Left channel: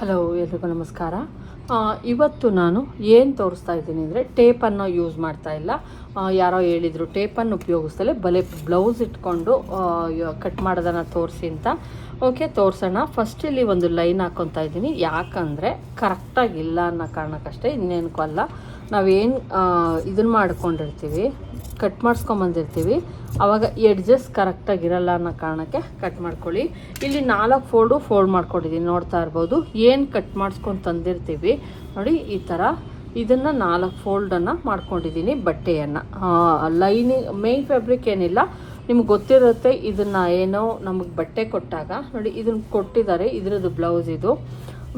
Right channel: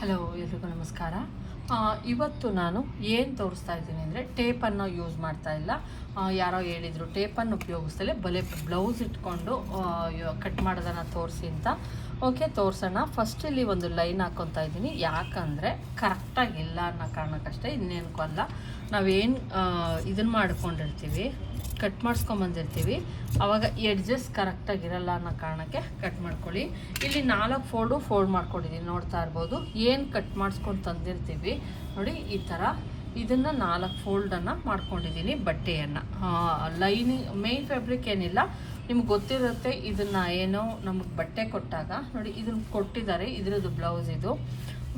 Hello ಎಲ್ರಿಗೂ ನಮಸ್ಕಾರ. ಇವತ್ತು ನಾನು ಏನು ತೋರಿಸ್ತಾ ಇದ್ದೀನಿ ಅಂದರೆ ಟೇಪನ್ನು ಯೂಸ್ ಮಾಡ್ತಾ ಇಲ್ಲ. ಯಾರೋ ಹೇಳಿದರು ಟೇಪನ್ನು ಉಪಯೋಗಿಸ್ತಲೇ ಬಲೆ ಬ್ಲೌಸ್ ಇಟ್ಕೊಂಡು ಕಟ್ ಮಾಡೋದನ್ನು ತೋರಿಸಿ ಅಂತ. ಓಕೆ ತೋರಿಸೋಣ. ಫಸ್ಟ್ ಇಲ್ಲಿ ಒಂದು ಲೈನ್ ಹಾಕ್ಕೊತಾ ಇದ್ದೀನಿ. ಯಾಕಂದರೆ ಕರೆಕ್ಟಾಗಿಲ್ಲ ಅನ್ನೋ ಕಾರಣಕ್ಕಷ್ಟೇ ಇನ್ನೇನಕ್ಕೂ ಅಲ್ಲ. ನಾವೇನು ಇದನ್ನು ಮಾಡ್ಕೊಂಡಿರ್ತೀವಿ. ಕಟ್ ಮಾಡಿಸ್ಕೊಂಬಂದಿರ್ತೀವಿ. ಆವಾಗ ಎಡ್ಜಸ್ ಕರೆಕ್ಟಾಗಿರಲ್ಲ ಅನ್ನೋ ಕಾರಣಕ್ಕೆ ಕಟ್ ಮಾಡ್ಕೊಳ್ಳಿ. ಇಲ್ಲಿ ನಾಲ್ಕು ಫೋಲ್ಡು ಫೋಲ್ಡ್ ಮಾಡ್ಕೊಂಡಿದ್ದೀನಿ. ನೋಡ್ತಾ ಇರ್ಬೋದು. ಏನು ಕಟ್ ಮಾಡಿಸ್ಕೊಂಡು ತಂದಿರ್ತೀವಿ? ನೋಡಿ, ಈ ಥರ ಇದನ್ನು ನಾಲ್ಕು ಫೋಲ್ಡನ್ನು ಮಾಡ್ಕೊಂಡಿದ್ದೀನಿ ಬಟ್ಟೆಯನ್ನು. ಲೈನಿಂಗ್ ಮೇನ್ ಫ್ಯಾಬ್ರಿಕ್ ಏನಿಲ್ಲ. ನಿಮ್ಗೆ ಗೊತ್ತಿರುತ್ತೆ ಇದನ್ನು ಏನೋ ನಮಗೆ ಬಟ್ಟೆ ಕೊಟ್ಟಾಗ. ನೋಡಿ ಇದನ್ನು ಕೊಟ್ಟಿದ್ದಾರೆ. ಇದರದ್ದು ಬ್ಲೌಸ್ ಇದು.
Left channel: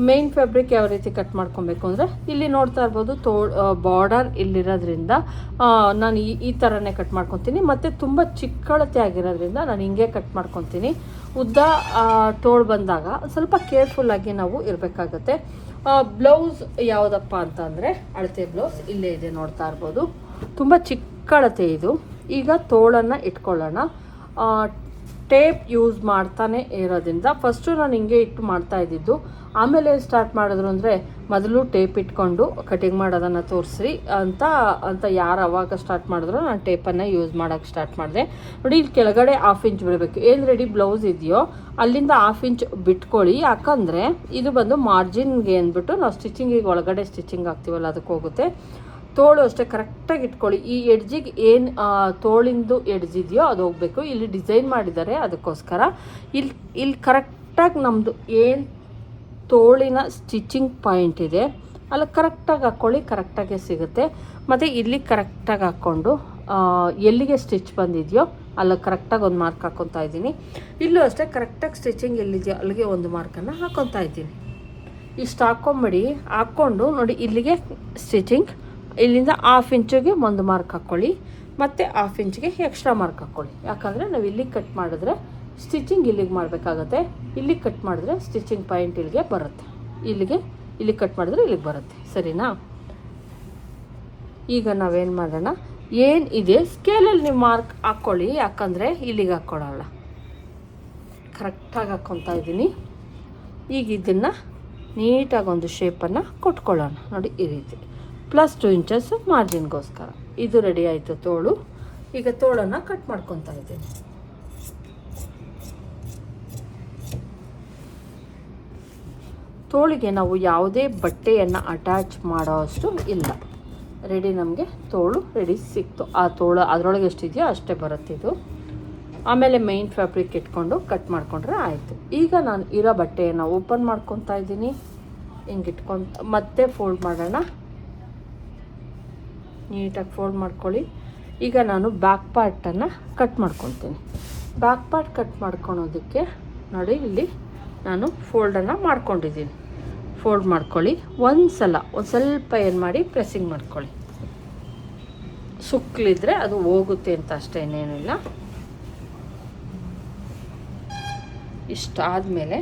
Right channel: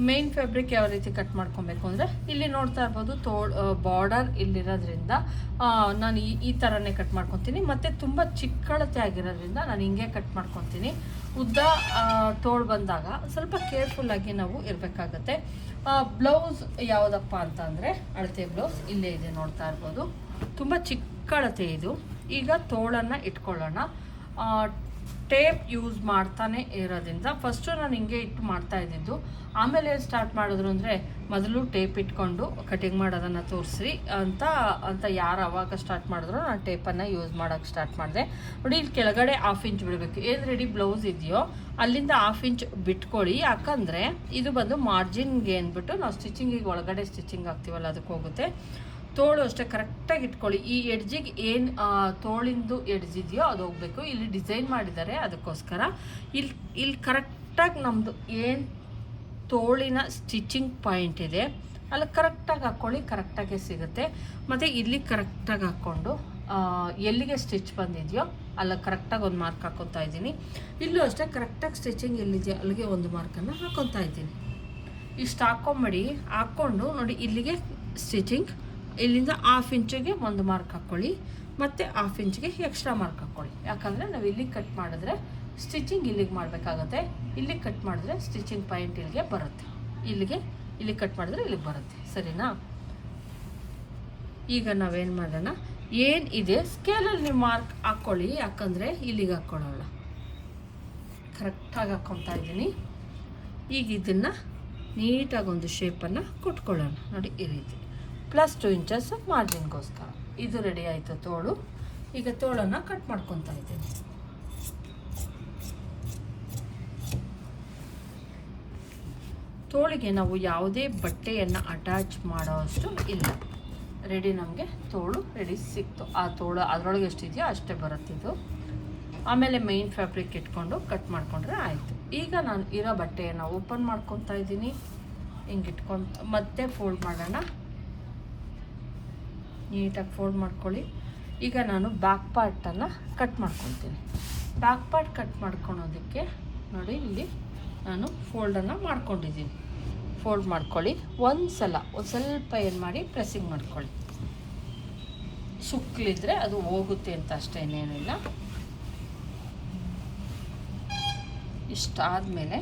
ಮೇನ್ ಫ್ಯಾಬ್ರಿಕ್ ಯಾವ ರೀತಿ ಕಟ್ ಮಾಡ್ಕೊಬೇಕು ಅಂದರೆ ಇಲ್ಲಿ ನೋಡ್ತಾ ಇರ್ಬೋದು ತೋ ಬಾರ್ಡರ್ ಇಲ್ಲಿರೋದ್ರಿಂದ ನಾನು ಈ ಈ ಥರನೇ ಕಟ್ ಮಾಡ್ಕೊತೀನಿ. ಮತ್ತು ತುಂಬ ಚಿಕ್ಕಳತೆ ಆಗಿರೋದ್ರಿಂದ ನಾನು ಹಿಂಗೆ ಕಟ್ ಮಾಡ್ಕೊತೀನಿ. ಉದ್ದ ತೋಳು ಬಂದಾಗ ಸ್ವಲ್ಪ ಕೇರ್ಫುಲ್ಲಾಗಿ ನಾವು ಇರಬೇಕಾಗತ್ತೆ. ಬ್ಲೌಸ್ ಯಾವುದಪ್ಪ ಅಂತ ಅಂದರೆ ಅಳತೆ ಬ್ಲೌಸ್ ಇಲ್ಲೇ ಇದೆ ನೋಡ್ತಾ ಇರ್ಬೋದು. ತುಂಬ ಚಿಕ್ಕಳತೆ ಇದು. ಈಗ ತೋಳನ್ನು ಇಟ್ಕೊಳ್ಳೋಣ. ಟೇಪ್ ಯೂಸ್ ಮಾಡ್ತಾನೆ ಇರೋದ್ರಿಂದ ಫಸ್ಟು ನಾನು ಹಿಂಗೆ ಇಟ್ಟು ಮಾಡ್ತಾ ಇದ್ದಿದ್ದು. ಆಮೇಲೆ ಸ್ಟಾರ್ಟ್ ಮಾಡಿದ್ರು ಅಂದರೆ ಮೊದಲು ಟೇಪ್ ಇಟ್ಕೊಂಡು ಕಟಿಂಗ್ ಮಾಡೋದನ್ನು ತೋರಿಸ್ರಿ ಅಂತ ಅಂತ ಯಾರು ಅವಾಗ ಸ್ಟಾರ್ಟ್ ಮಾಡಿದ್ರು ನಾನು ಟೇಪನ್ನು ಯೂಸ್ ಮಾಡೋಕ್ಕೆ ಸ್ಟಾರ್ಟ್ ಮಾಡಿದೆ. ನೋಡಿ ಇಲ್ಲಿ ಕೆಳಗಡೆ ಹಾಫ್ ಇಂಚ್ ಬಿಡಬೇಕು. ಏನು ರೆಡಿ ಬ್ಲೌಸ್ ಇದೆಯೋ ಅಲ್ಲಿಂದ ಹಾಫ್ ಇಂಚ್ ಬಿಟ್ಕೊಳ್ಳಿ ಯಾಕಂದರೆ ಇದು ಬಂದು ಮಾರ್ಜಿನ್ಗೆ ಅಂದ್ಬಿಟ್ಟು ನಾವು ಸ್ಟಿಚಿಂಗಿಗೆ ಒಳಗಡೆ ಸ್ಟಿಚಿಂಗ್ ಆಗ್ತೀವಲ್ಲ ಅದಕ್ಕೆ ಹೋಗುತ್ತೆ. ತೋಳು ಅಷ್ಟೇ ಕರೆಕ್ಟಾಗಿ ಇಟ್ಕೊಳ್ಳಿ. ಈ ಎಡ್ಜಿಗೆ ಏನು ತೋಳಿಂದು ಎಡ್ಜ್ ಇದೆಯೋ ಅದು ಹೋಗಬೇಕು. ಇಲ್ಲಿ ಡಿಸೈನ್ ಮಾಡಿದ್ದಾರೆ ಅದಕ್ಕೋಸ್ಕರ. ಇಲ್ಲಿ ಇಲ್ಲಿ ಕರೆಕ್ಟಾಗಿ ನಮ್ಮದು ಏನು ತೋಳಿನ ಸ್ಟಿಚಿಂಗ್ ಪಾಯಿಂಟ್ ಇದೆ, ಅಲ್ಲಿ ಕರೆಕ್ಟಾಗಿ ಹಾಕ್ಕೊಳ್ಳಿ ಕರೆಕ್ಟಾಗೆ ಸಿಗುತ್ತೆ. ಮತ್ತು ಇಲ್ಲಿ ಕರೆಕ್ಟಾಗಿ ಹಾಕ್ಕೊಂಡು ಎಲ್ಲಿಗೆ ಸ್ಟಿಚ್ ಬಂದಿದೆಯೋ ಅಲ್ಲಿ ಕರೆಕ್ಟಾಗಿ ಒಂದು ಮಾರ್ಕ್ ಹಾಕ್ಕೊತಾ ಇದ್ದೀನಿ. ಇಲ್ಲೂ ಅಷ್ಟೇ ಕರೆಕ್ಟಾಗಿ ಸ್ಟಿಚಿಂಗ್ ಎಲ್ಲಿದೆಯೋ ಅಲ್ಲಿಗೆ ಒಂದು ಮಾರ್ಕನ್ನು ಹಾಕ್ಕೊತಾ ಇದ್ದೀನಿ. ಇಷ್ಟು ಹಾಕ್ಕೊಂಬಿಡಿ ಹಾಕ್ಕೊಂಡು ನೋಡಿ ಇಲ್ಲಿಗೆ ಸ್ಟಿಚಿಂಗ್ ಇಲ್ಲಿಂದ ಹಾಫ್ ಇಂಚಿಗೆ ಒಂದು ಮಾರ್ಕ್ ಹಾಕ್ಕೊಳ್ಳಿ ಮತ್ತು ಹಾಫ್ ಇಂಚಿಗೆ ಎಕ್ಸ್ಟ್ರಾ ಮಾರ್ಕ್ ಹಾಕ್ಕೊಳ್ಳಿ ಯಾಕಂದರೆ ನಾವು ಇಲ್ಲಿಗೆ ಕಟ್ ಮಾಡಿದ್ರೆ ಸ್ಟಿಚಿಂಗ್ ಇಲ್ಲಿಗೆ ಮಾಡಬೇಕಾಗತ್ತೆ. ಇಲ್ಲಿ ಕಟ್ ಮಾಡಿದ್ರೆ ಸ್ಟಿಚಿಂಗ್ ಪಾಯಿಂಟ್ ಇಲ್ಲಿಗೆ ಬರುತ್ತೆ. ಇಲ್ಲಿಗೆ ಇಲ್ಲಿಗೆ ಕಟ್ ಮಾಡಿದ್ರೆ ಇಲ್ಲಿಗೆ ಬರುತ್ತೆ. ಸರಿನಾ? ಈಗ ನಾವೇನು ಮಾಡೋಣ? ಏನು ಇದೆ? ಸ್ಕೇಲಲ್ಲಿ ನೀವು ಮಾರ್ಕ್ ಹಾಕ್ಕೊಳ್ಳಿ ಯಾಕಂದರೆ ಇಲ್ಲಿಗೆ ಹಾಕ್ಕೊಳ್ಳೋಲ್ಲ ಕರೆಕ್ಟಾಗಿ ಹಾಕ್ಕೊತಾ ಇದ್ದೀನಿ. ಈಗ ಇದನ್ನು ನೀಟಾಗಿ ಒಂದು ಶೇಪನ್ನು ಕೊಟ್ಕೊಳ್ಳೋಣ. ನೋಡಿ ಈ ರೀತಿ. ಪ್ಲಸ್ ಟು ಇಂಚಸ್ ಮಾರ್ಜಿನ್ಗೋಸ್ಕರ ಇದು ರೆಡಿ ಆಯಿತು ತೋಳು. ಈಗ ತೋಳನ್ನು ಕಟ್ ಮಾಡ್ಕೊತಾ ಇದ್ದೀನಿ. ತೋಳಿಗೆ ನಾವು ಯಾವುದೇ ಬಟ್ಟೆಯನ್ನು ಅಟ್ಯಾಚ್ ಮಾಡೋ ಅಷ್ಟು ಇಲ್ಲ. ರೆಡಿ ನಮಗೆ ತೋಳು ರೆಡಿ ಸಿಕ್ತು. ಆ ತೋಳು ಅದರೊಳಗೆ ಎಷ್ಟಿದೆಯೋ ಅಷ್ಟೇ ಬರುತ್ತೆ ಇದು. ಆಮೇಲೆ ಮೈನ್ ಫ್ಯಾಬ್ರಿಕ್ ಇಟ್ಕೊಂಡು ಕಟ್ ಮಾಡ್ಕೊಂಡ್ರೆ ಆಯಿತು. ಈಗ ನಾನು ಇರೋ ಬಟ್ಟೆಯನ್ನು ಓಪನ್ ಮಾಡ್ಕೊತಾ ಇದ್ದೀನಿ. ಹಿಂಗೆ ಇಟ್ಕೊಂಡು ಮತ್ತೆ ಫೋಲ್ಡ್ ಮಾಡೋಣ. ನೀಟಾಗಿ ಫೋಲ್ಡ್ ಮಾಡ್ಕೊಳ್ಳಿ. ಈಗ ನಾನು ಬ್ಯಾಕ್ ಪಾರ್ಟನ್ನು ಕಟ್ ಮಾಡ್ಕೊತೀನಿ ಬ್ಯಾಕ್ ಪಾರ್ಟ್ ಕಟ್ ಮಾಡ್ಕೊಳೋದಕ್ಕೆ ನೋಡಿ ಇಲ್ಲಿ ನಾನು ಫೋಲ್ಡನ್ನು ಮಾಡ್ಕೊಂಡಿದ್ದೀನಿ. ಫೋಲ್ಡ್ ಮಾಡ್ಕೊಳ್ಳಿ. ಒಂದು ಸಲ ಒಂದು ಸ್ವಲ್ಪ ಏನು ಮಾಡಿ ಪ್ರೆಸ್ಸಿಂಗ್ ಮಾಡ್ಕೊಳ್ಳಿ. ಸುಕ್ಕಲಿದ್ರೆ ಅದು ಹೋಗುತ್ತೆ ಅಂತ ಅಷ್ಟೇ ಏನೇನಿಲ್ಲ ಇಷ್ಟಾದಮೇಲೆ